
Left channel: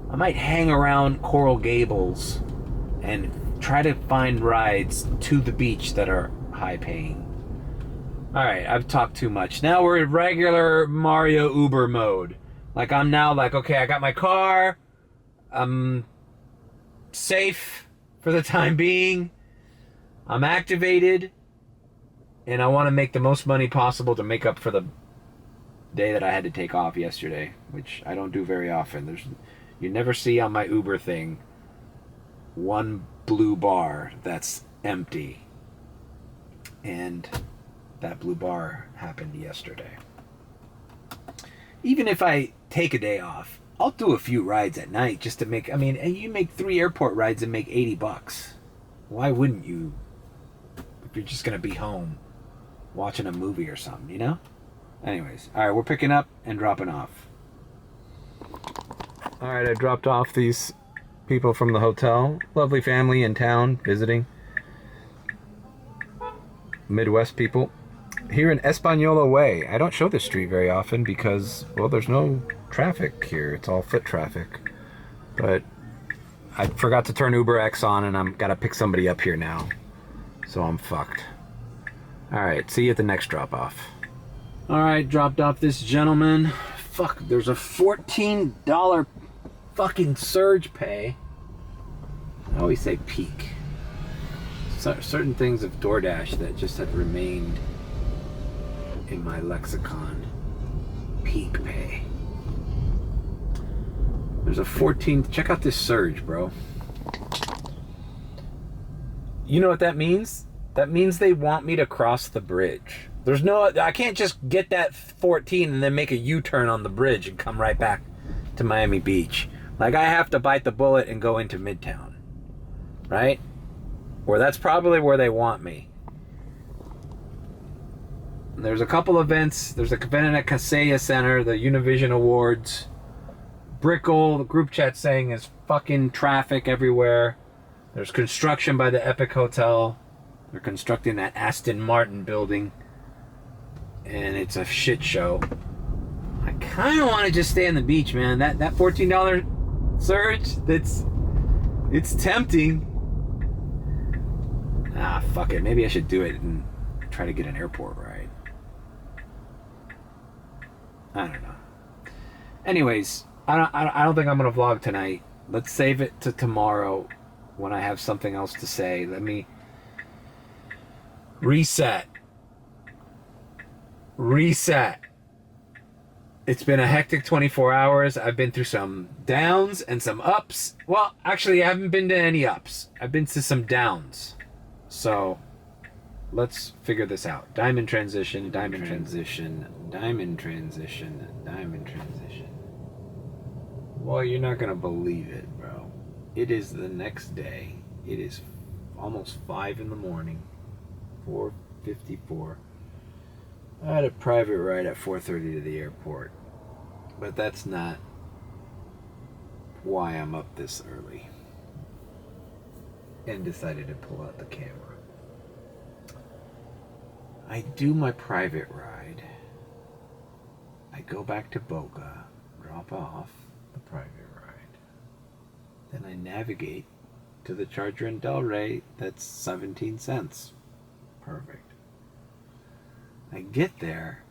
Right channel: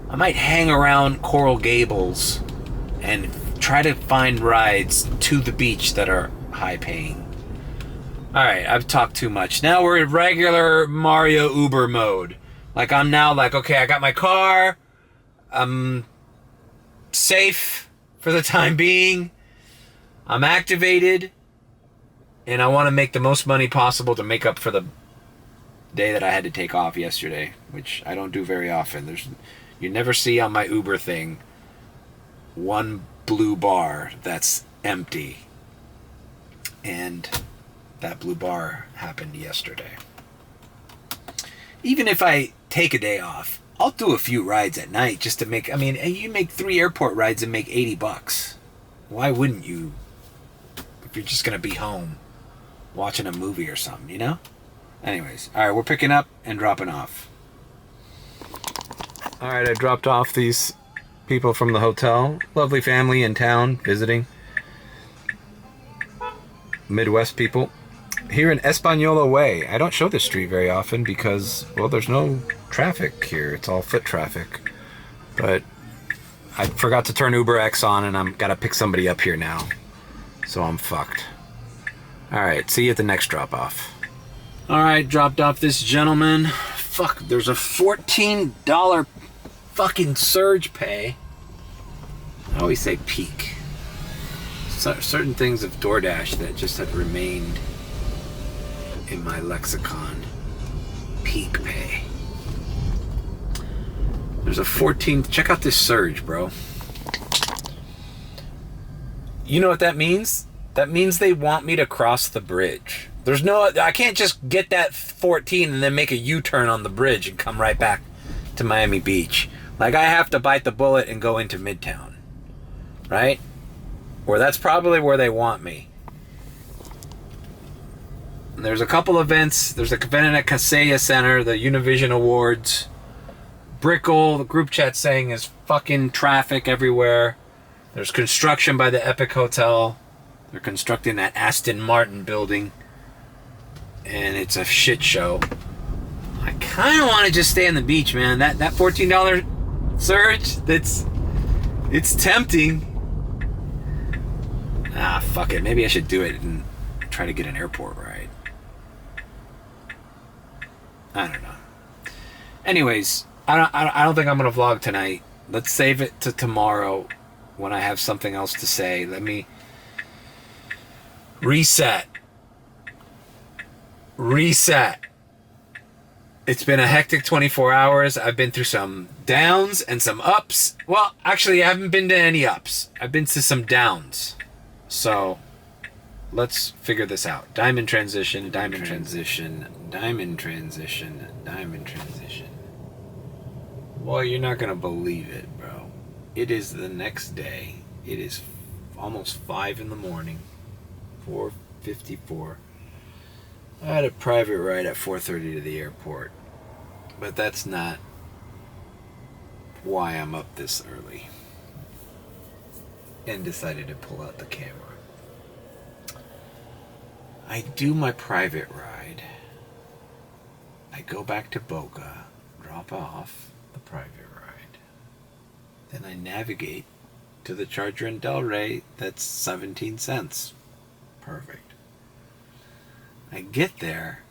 hang around Coral Gables and try to find rides to the beach that are high paying. All right, I've talked too much. Now we're in regular Mario Uber mode. Like, I'm now like, okay, I got my car. I'm safe for the time being. I'm activated. And I want to make the most money possible to make up for the day that I had to take off yesterday, which I don't do very often. You never see on my Uber thing one blue bar that's empty. And that blue bar happened yesterday. Even if I take a day off, I'll do a few rides at night just to make... I mean, you make 3 airport rides and make $80. Why wouldn't you? If you're just going to be home watching a movie or something, you know? Anyways, all right, we're picking up and dropping off. All right, I dropped off these people from the hotel. Lovely family in town visiting. Midwest people. Here in Española Way. I don't show this street very often because, well, there's no traffic here. It's all foot traffic. But I forgot to turn UberX on, and I'm gotta pick somebody up here now. So I'm fucked. All right, see you at the next drop-off. All right, dropped off this gentleman. Fuck, there's a $14 fucking surge pay. I always say peak. Certain things of DoorDash that just have remained in my lexicon. Peak pay. There's a 14... Check out this surge, bro. You know what that means? That means they want me to cross the bridge. There's no... I can't just get that 14 and then make a U-turn on the bridge and come right back to Miami Beach. Like, I have to bite the bullet and go into Midtown. Right? Or that's probably where they want me. And there's a couple events. There's a event at Kaseya Center, the Univision Awards. Brickell, the group chat saying is fucking traffic everywhere. There's construction by the Epic Hotel. They're constructing that Aston Martin building. And it's a shit show. I kind of want to just stay on the beach, man. That $14 surge, it's tempting. Ah, fuck it. Maybe I should do it and try to get an airport ride. I don't know. Anyways, I don't think I'm gonna vlog tonight. Let's save it to tomorrow when I have something else to say. Let me reset. It's been a hectic 24 hours. I've been through some downs and some ups. Well, actually, I haven't been to any ups. I've been to some downs. So let's figure this out. Diamond transition, diamond transition, diamond transition, diamond transition. Boy, you're not gonna believe it, bro. It is the next day. It is almost 5 in the morning. 4:54. I had a private ride at 4:30 to the airport. But that's not why I'm up this early. and decided to pull out the camera. I do my private ride. I go back to Boca, drop off the private ride. Then I navigate to the charger in Delray that's 17 cents. Perfect. I get there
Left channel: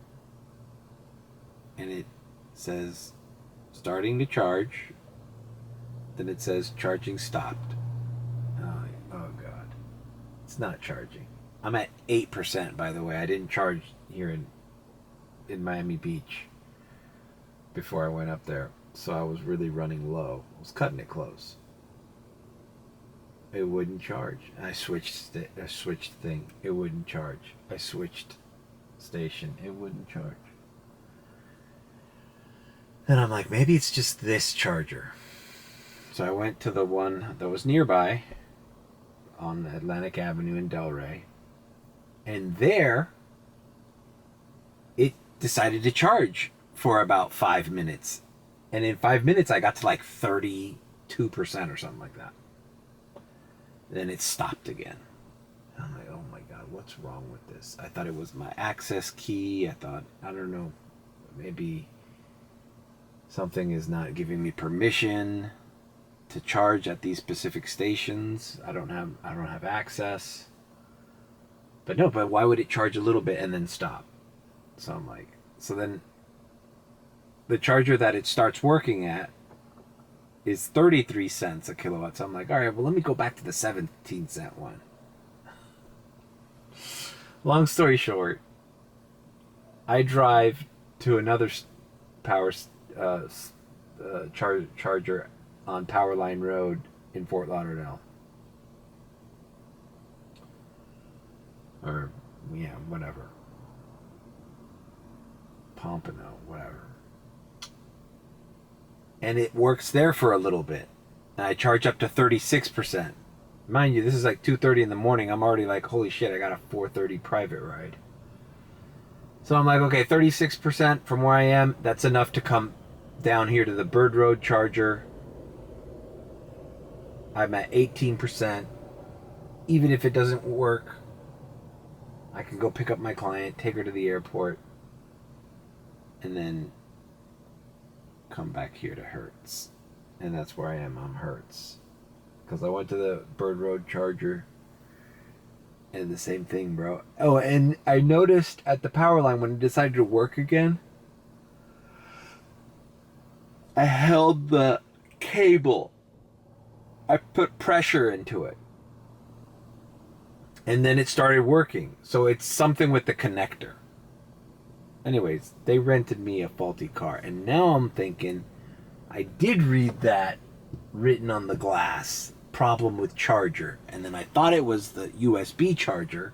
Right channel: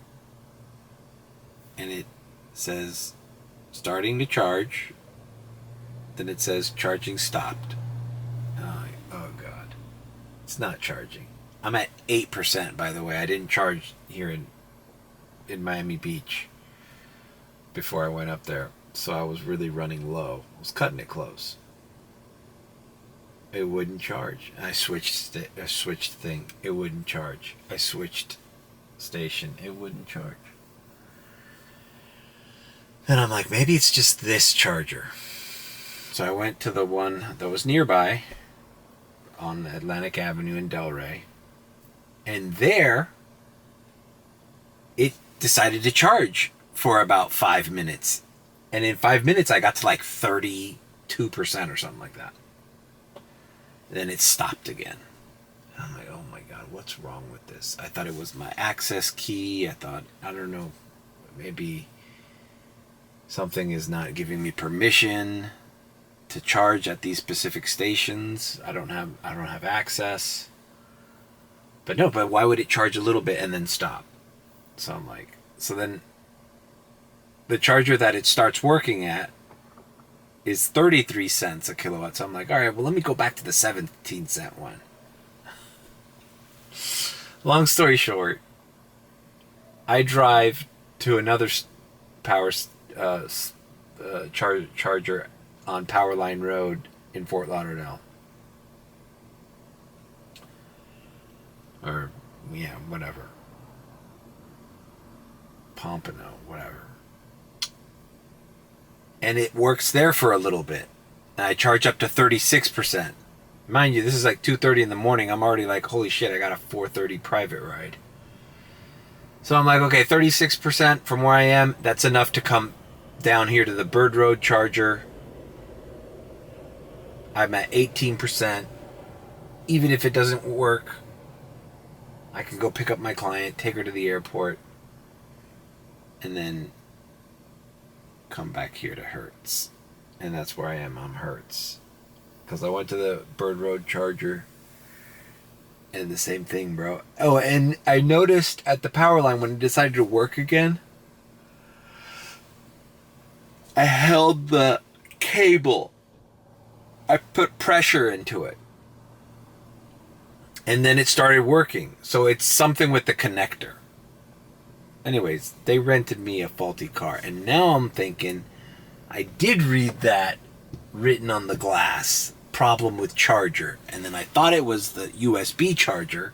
and it says starting to charge. Then it says charging stopped. Oh God. It's not charging. I'm at 8%, by the way. I didn't charge here in Miami Beach before I went up there. So I was really running low. I was cutting it close. It wouldn't charge. I switched thing. It wouldn't charge. I switched station. It wouldn't charge. Then I'm like, maybe it's just this charger. So I went to the one that was nearby on Atlantic Avenue in Delray. And there, it decided to charge for about 5 minutes. And in 5 minutes, I got to like 32% or something like that. Then it stopped again. And I'm like, oh my God, what's wrong with this? I thought it was my access key. I thought, I don't know, maybe something is not giving me permission to charge at these specific stations. I don't have access. But no, but why would it charge a little bit and then stop? So I'm like, so then the charger that it starts working at is 33 cents a kilowatt. So I'm like, all right, well, let me go back to the 17-cent one. Long story short, I drive to another power charger on Powerline Road in Fort Lauderdale. Or, yeah, whatever. Pompano, whatever. And it works there for a little bit. And I charge up to 36%. Mind you, this is like 2:30 in the morning. I'm already like, holy shit, I got a 4:30 private ride. So I'm like, okay, 36% from where I am, that's enough to come down here to the Bird Road charger. I'm at 18%. Even if it doesn't work, I can go pick up my client, take her to the airport, and then come back here to Hertz. And that's where I am. I'm Hertz. Because I went to the Bird Road charger, and the same thing, bro. Oh, and I noticed at the power line when it decided to work again, I held the cable. I put pressure into it. And then it started working. So it's something with the connector. Anyways, they rented me a faulty car. And now I'm thinking, I did read that written on the glass, problem with charger. And then I thought it was the USB charger.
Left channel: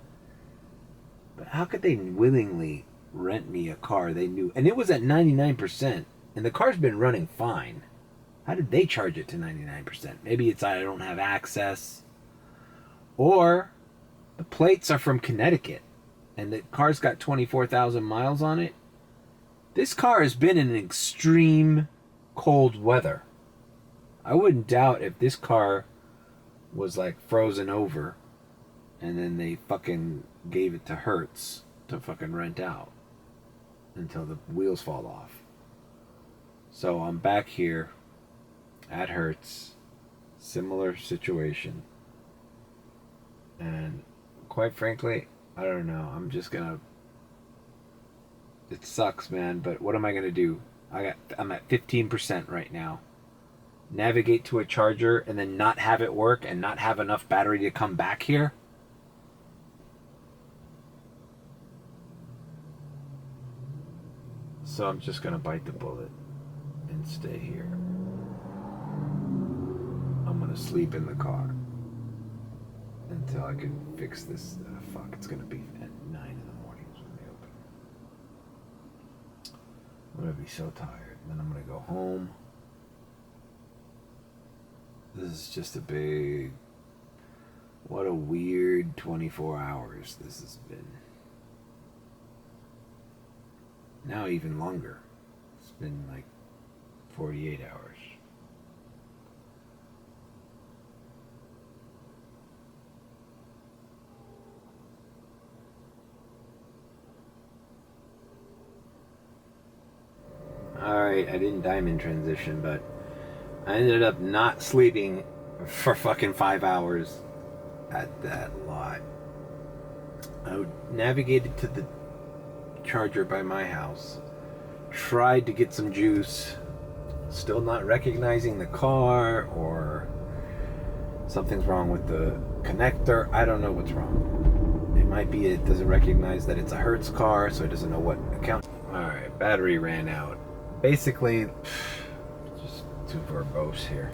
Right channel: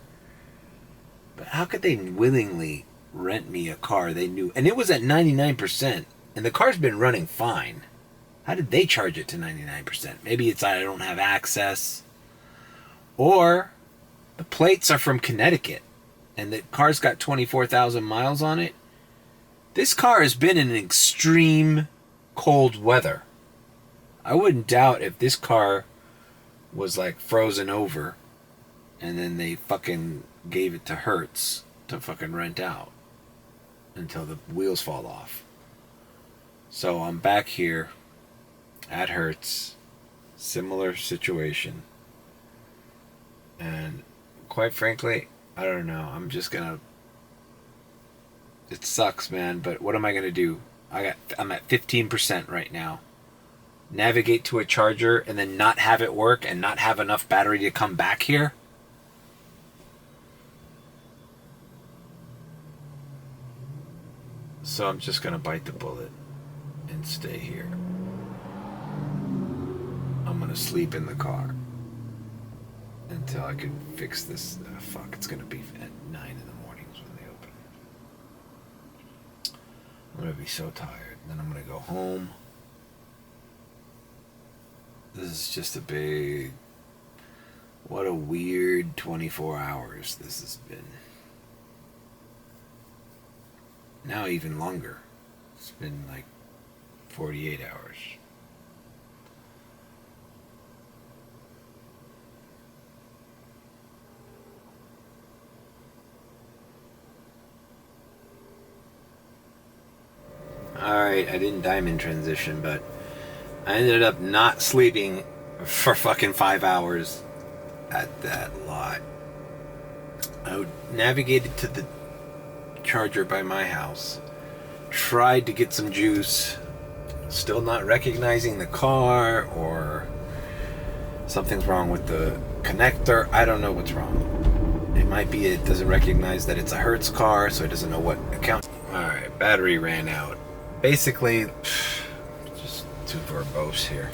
But how could they willingly rent me a car they knew? And it was at 99%. And the car's been running fine. How did they charge it to 99%? Maybe it's I don't have access. Or the plates are from Connecticut. And the car's got 24,000 miles on it. This car has been in extreme cold weather. I wouldn't doubt if this car was like frozen over and then they fucking gave it to Hertz to fucking rent out until the wheels fall off. So I'm back here at Hertz, similar situation. And quite frankly, I don't know. I'm just gonna. It sucks, man. But what am I gonna do? I'm at 15% right now. Navigate to a charger and then not have it work and not have enough battery to come back here. So I'm just gonna bite the bullet and stay here. I'm gonna sleep in the car until I can fix this. Fuck, it's gonna be at 9 in the mornings when they open. I'm gonna be so tired. Then I'm gonna go home. This is just a big... What a weird 24 hours this has been. Now even longer. It's been like 48 hours. Alright, I didn't diamond transition, but I ended up not sleeping for fucking 5 hours at that lot. I navigated to the charger by my house, tried to get some juice, still not recognizing the car, or something's wrong with the connector. I don't know what's wrong. It might be it doesn't recognize that it's a Hertz car, so it doesn't know what account. Alright, battery ran out. Basically, just too verbose here.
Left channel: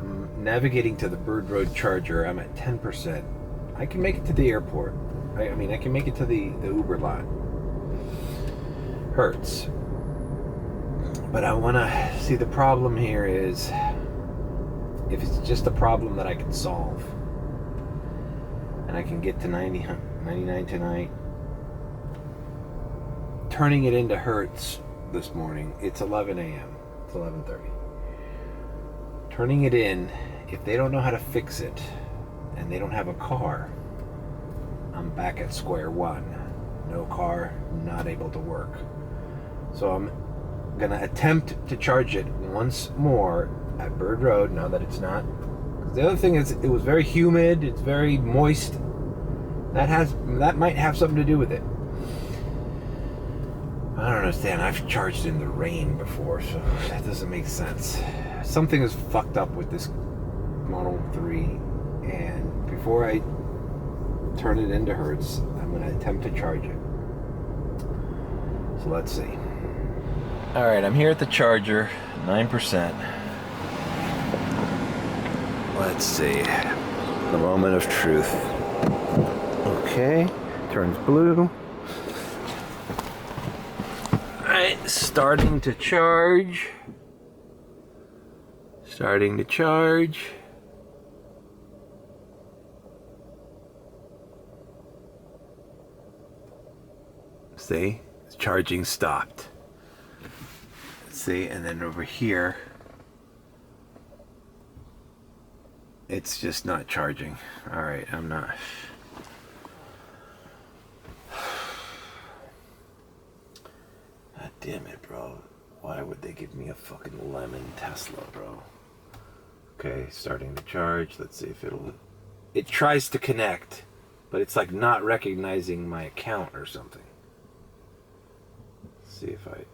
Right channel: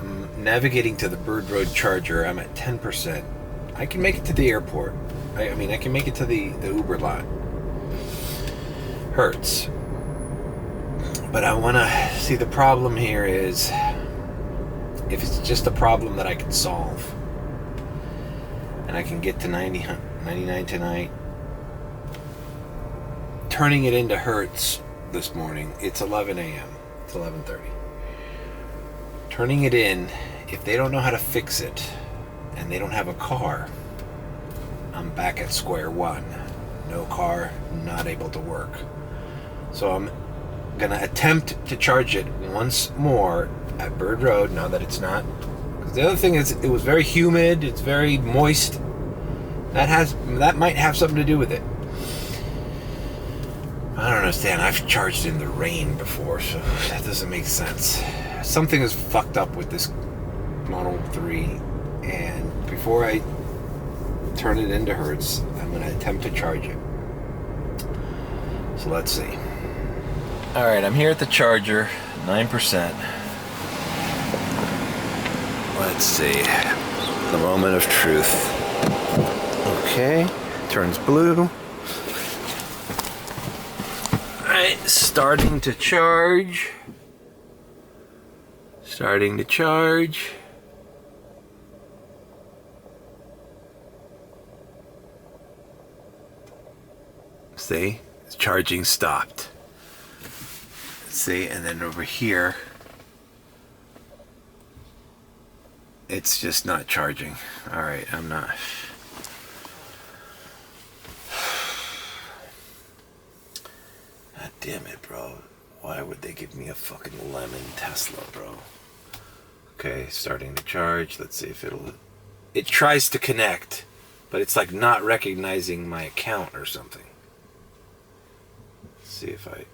I'm navigating to the Bird Road charger. I'm at 10%. I can make it to the airport. I mean, I can make it to the Uber lot. Hertz. But I want to see, the problem here is, if it's just a problem that I can solve, and I can get to 99 tonight, turning it into Hertz this morning, it's 11 a.m. It's 11:30. Turning it in, if they don't know how to fix it, and they don't have a car, I'm back at square one. No car, not able to work. So I'm gonna attempt to charge it once more at Bird Road, now that it's not. Because the other thing is, it was very humid, it's very moist. That might have something to do with it. I don't understand. I've charged in the rain before, so that doesn't make sense. Something is fucked up with this Model 3, and before I turn it into Hertz, I'm going to attempt to charge it. So let's see. Alright, I'm here at the charger, 9%. Let's see. The moment of truth. Okay, turns blue. Alright, starting to charge. Starting to charge. See, charging stopped. See, and then over here, it's just not charging. All right, I'm not. God damn it, bro. Why would they give me a fucking lemon Tesla, bro? Okay, starting to charge. Let's see if it tries to connect, but it's like not recognizing my account or something. See if I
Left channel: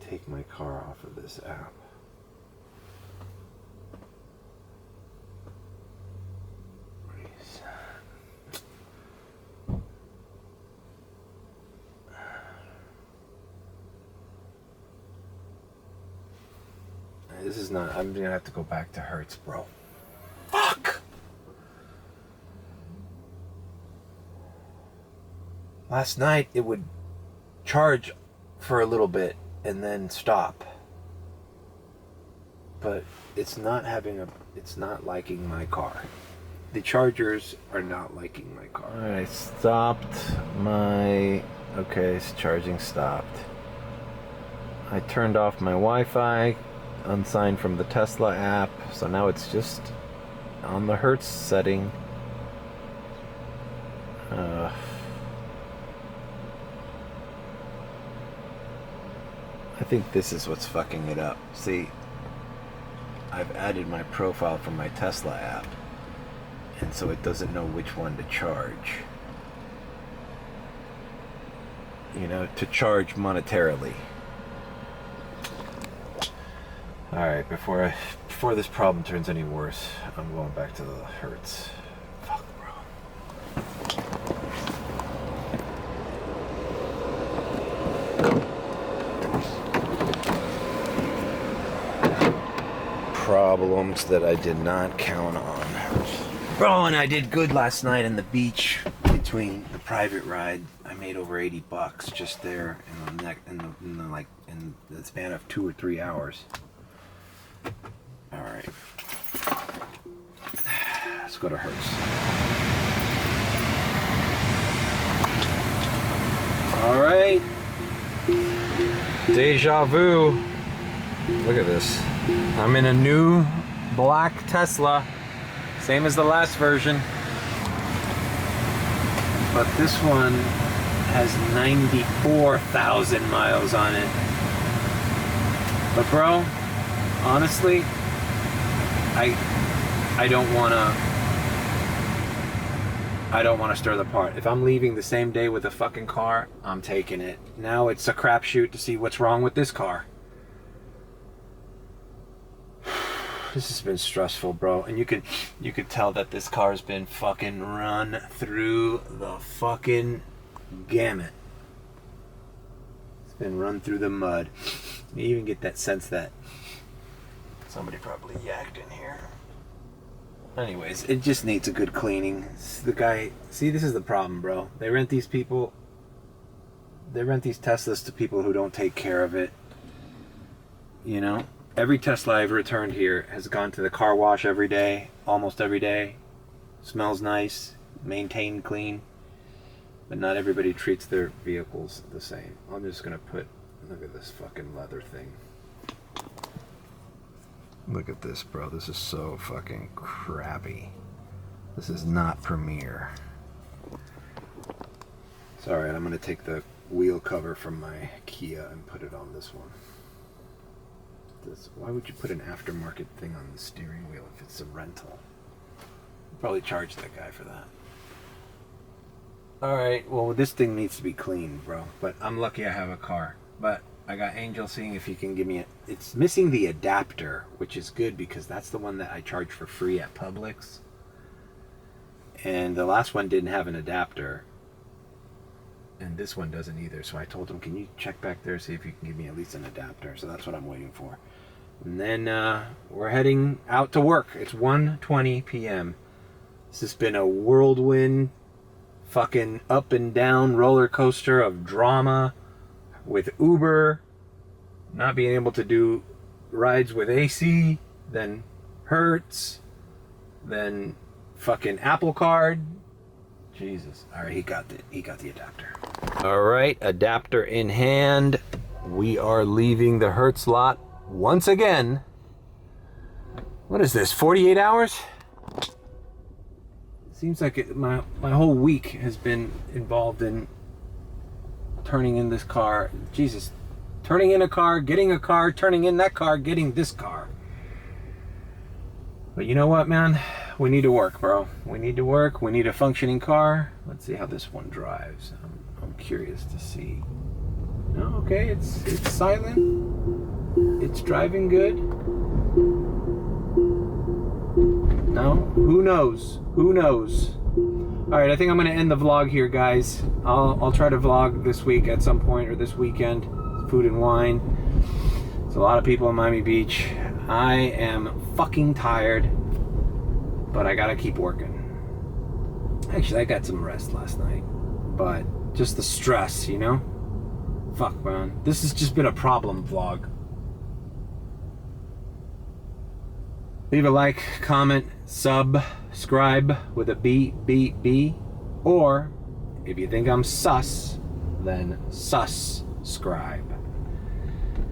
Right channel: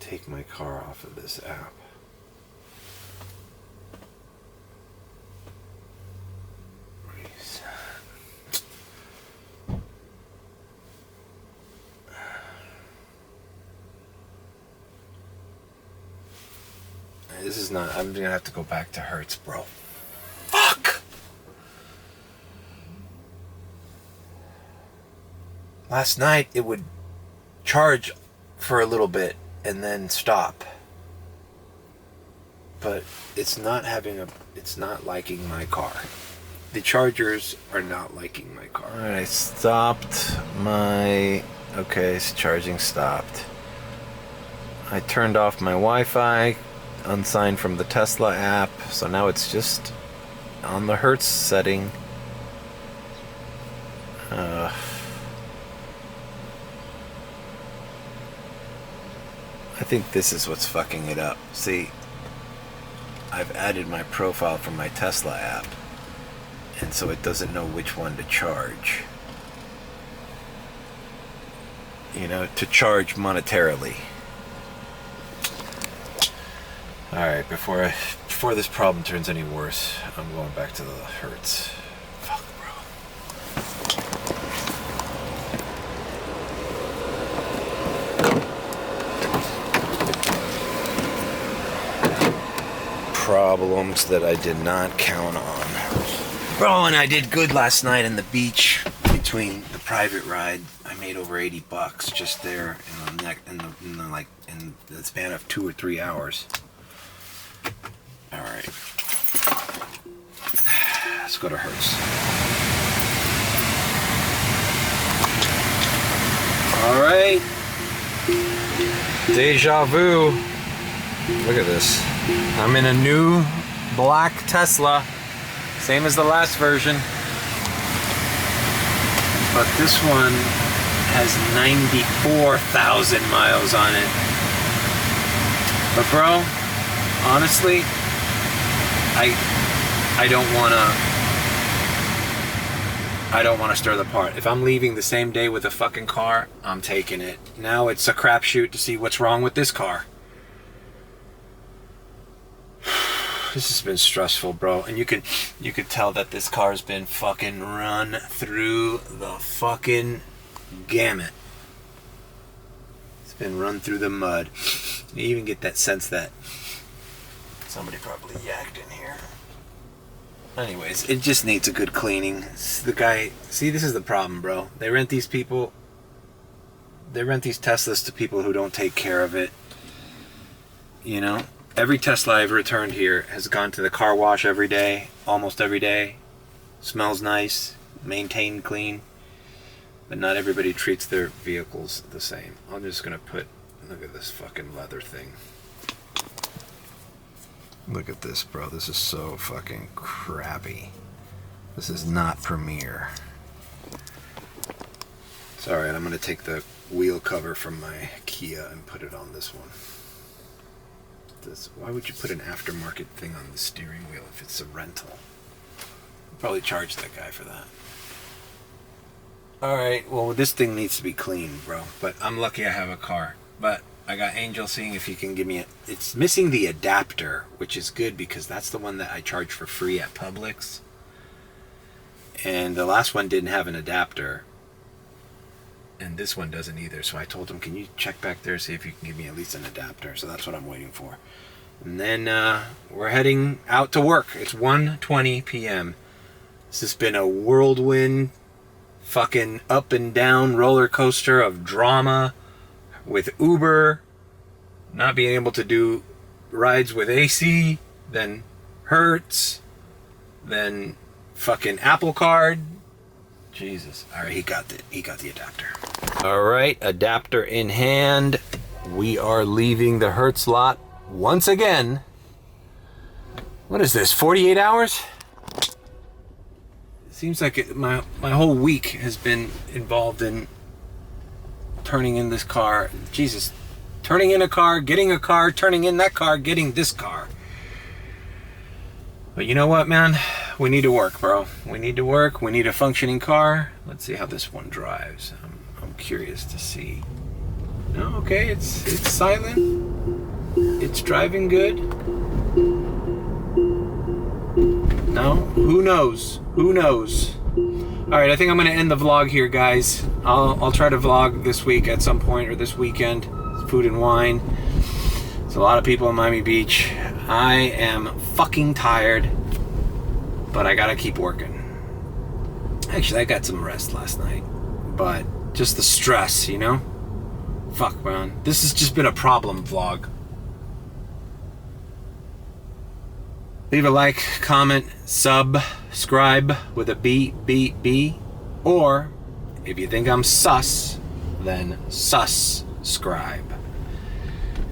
take my car off of this app. This is not, I'm gonna have to go back to Hertz, bro. Fuck! Last night it would charge for a little bit and then stop. But it's not liking my car. The chargers are not liking my car. Alright, I stopped my, okay, it's charging stopped. I turned off my Wi-Fi, unsigned from the Tesla app, so now it's just on the Hertz setting. I think this is what's fucking it up. See, I've added my profile from my Tesla app, and so it doesn't know which one to charge. You know, to charge monetarily. Alright, before this problem turns any worse, I'm going back to the Hertz. Fuck, bro. Problems that I did not count on. Bro, and I did good last night on the beach between the private ride. I made over $80 just there in the span of 2 or 3 hours. All right, let's go to Hertz. All right, deja vu. Look at this. I'm in a new black Tesla, same as the last version, but this one has 94,000 miles on it. But bro, honestly, I don't want to stir the pot. If I'm leaving the same day with a fucking car, I'm taking it. Now it's a crapshoot to see what's wrong with this car. This has been stressful, bro. And you could tell that this car's been fucking run through the fucking gamut. It's been run through the mud. You even get that sense that somebody probably yacked in here. Anyways, it just needs a good cleaning. The guy, see, this is the problem, bro. They rent these Teslas to people who don't take care of it. You know? Every Tesla I've returned here has gone to the car wash every day, almost every day. Smells nice, maintained clean. But not everybody treats their vehicles the same. I'm just gonna look at this fucking leather thing. Look at this, bro. This is so fucking crappy. This is not premier. It's alright, I'm gonna take the wheel cover from my Kia and put it on this one. Why would you put an aftermarket thing on the steering wheel if it's a rental? Probably charge that guy for that. Alright, well this thing needs to be cleaned, bro. But I'm lucky I have a car. But I got Angel seeing if he can give me it's missing the adapter, which is good because that's the one that I charge for free at Publix. And the last one didn't have an adapter. And this one doesn't either. So I told him, can you check back there, see if you can give me at least an adapter? So that's what I'm waiting for. And then we're heading out to work. It's 1:20 p.m. This has been a whirlwind, fucking up and down roller coaster of drama with Uber, not being able to do rides with AC, then Hertz, then fucking Apple Card. Jesus. All right, he got the adapter. All right, adapter in hand. We are leaving the Hertz lot once again. What is this, 48 hours? It seems like my whole week has been involved in turning in this car. Jesus. Turning in a car, getting a car, turning in that car, getting this car. But you know what, man? We need to work, bro. We need to work. We need a functioning car. Let's see how this one drives. I'm curious to see. No, okay, it's silent. It's driving good. No, who knows? Who knows? All right, I think I'm gonna end the vlog here, guys. I'll try to vlog this week at some point or this weekend. Food and wine. There's a lot of people in Miami Beach. I am fucking tired. But I gotta keep working. Actually, I got some rest last night. But just the stress, you know? Fuck, man. This has just been a problem vlog. Leave a like, comment, subscribe with a B. Or, if you think I'm sus, then subscribe.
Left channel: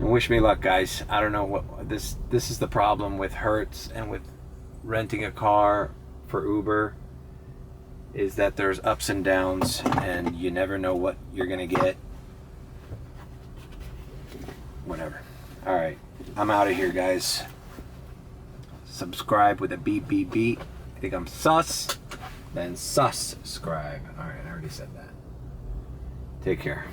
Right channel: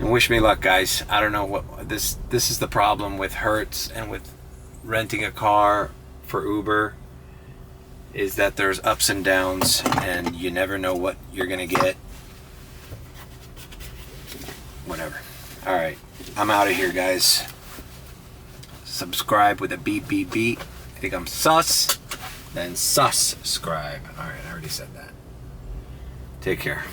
And wish me luck, guys. I don't know what... This is the problem with Hertz and with renting a car for Uber, is that there's ups and downs and you never know what you're gonna get. Whatever. All right, I'm out of here, guys. Subscribe with a B. I think I'm sus, then subscribe. All right, I already said that. Take care.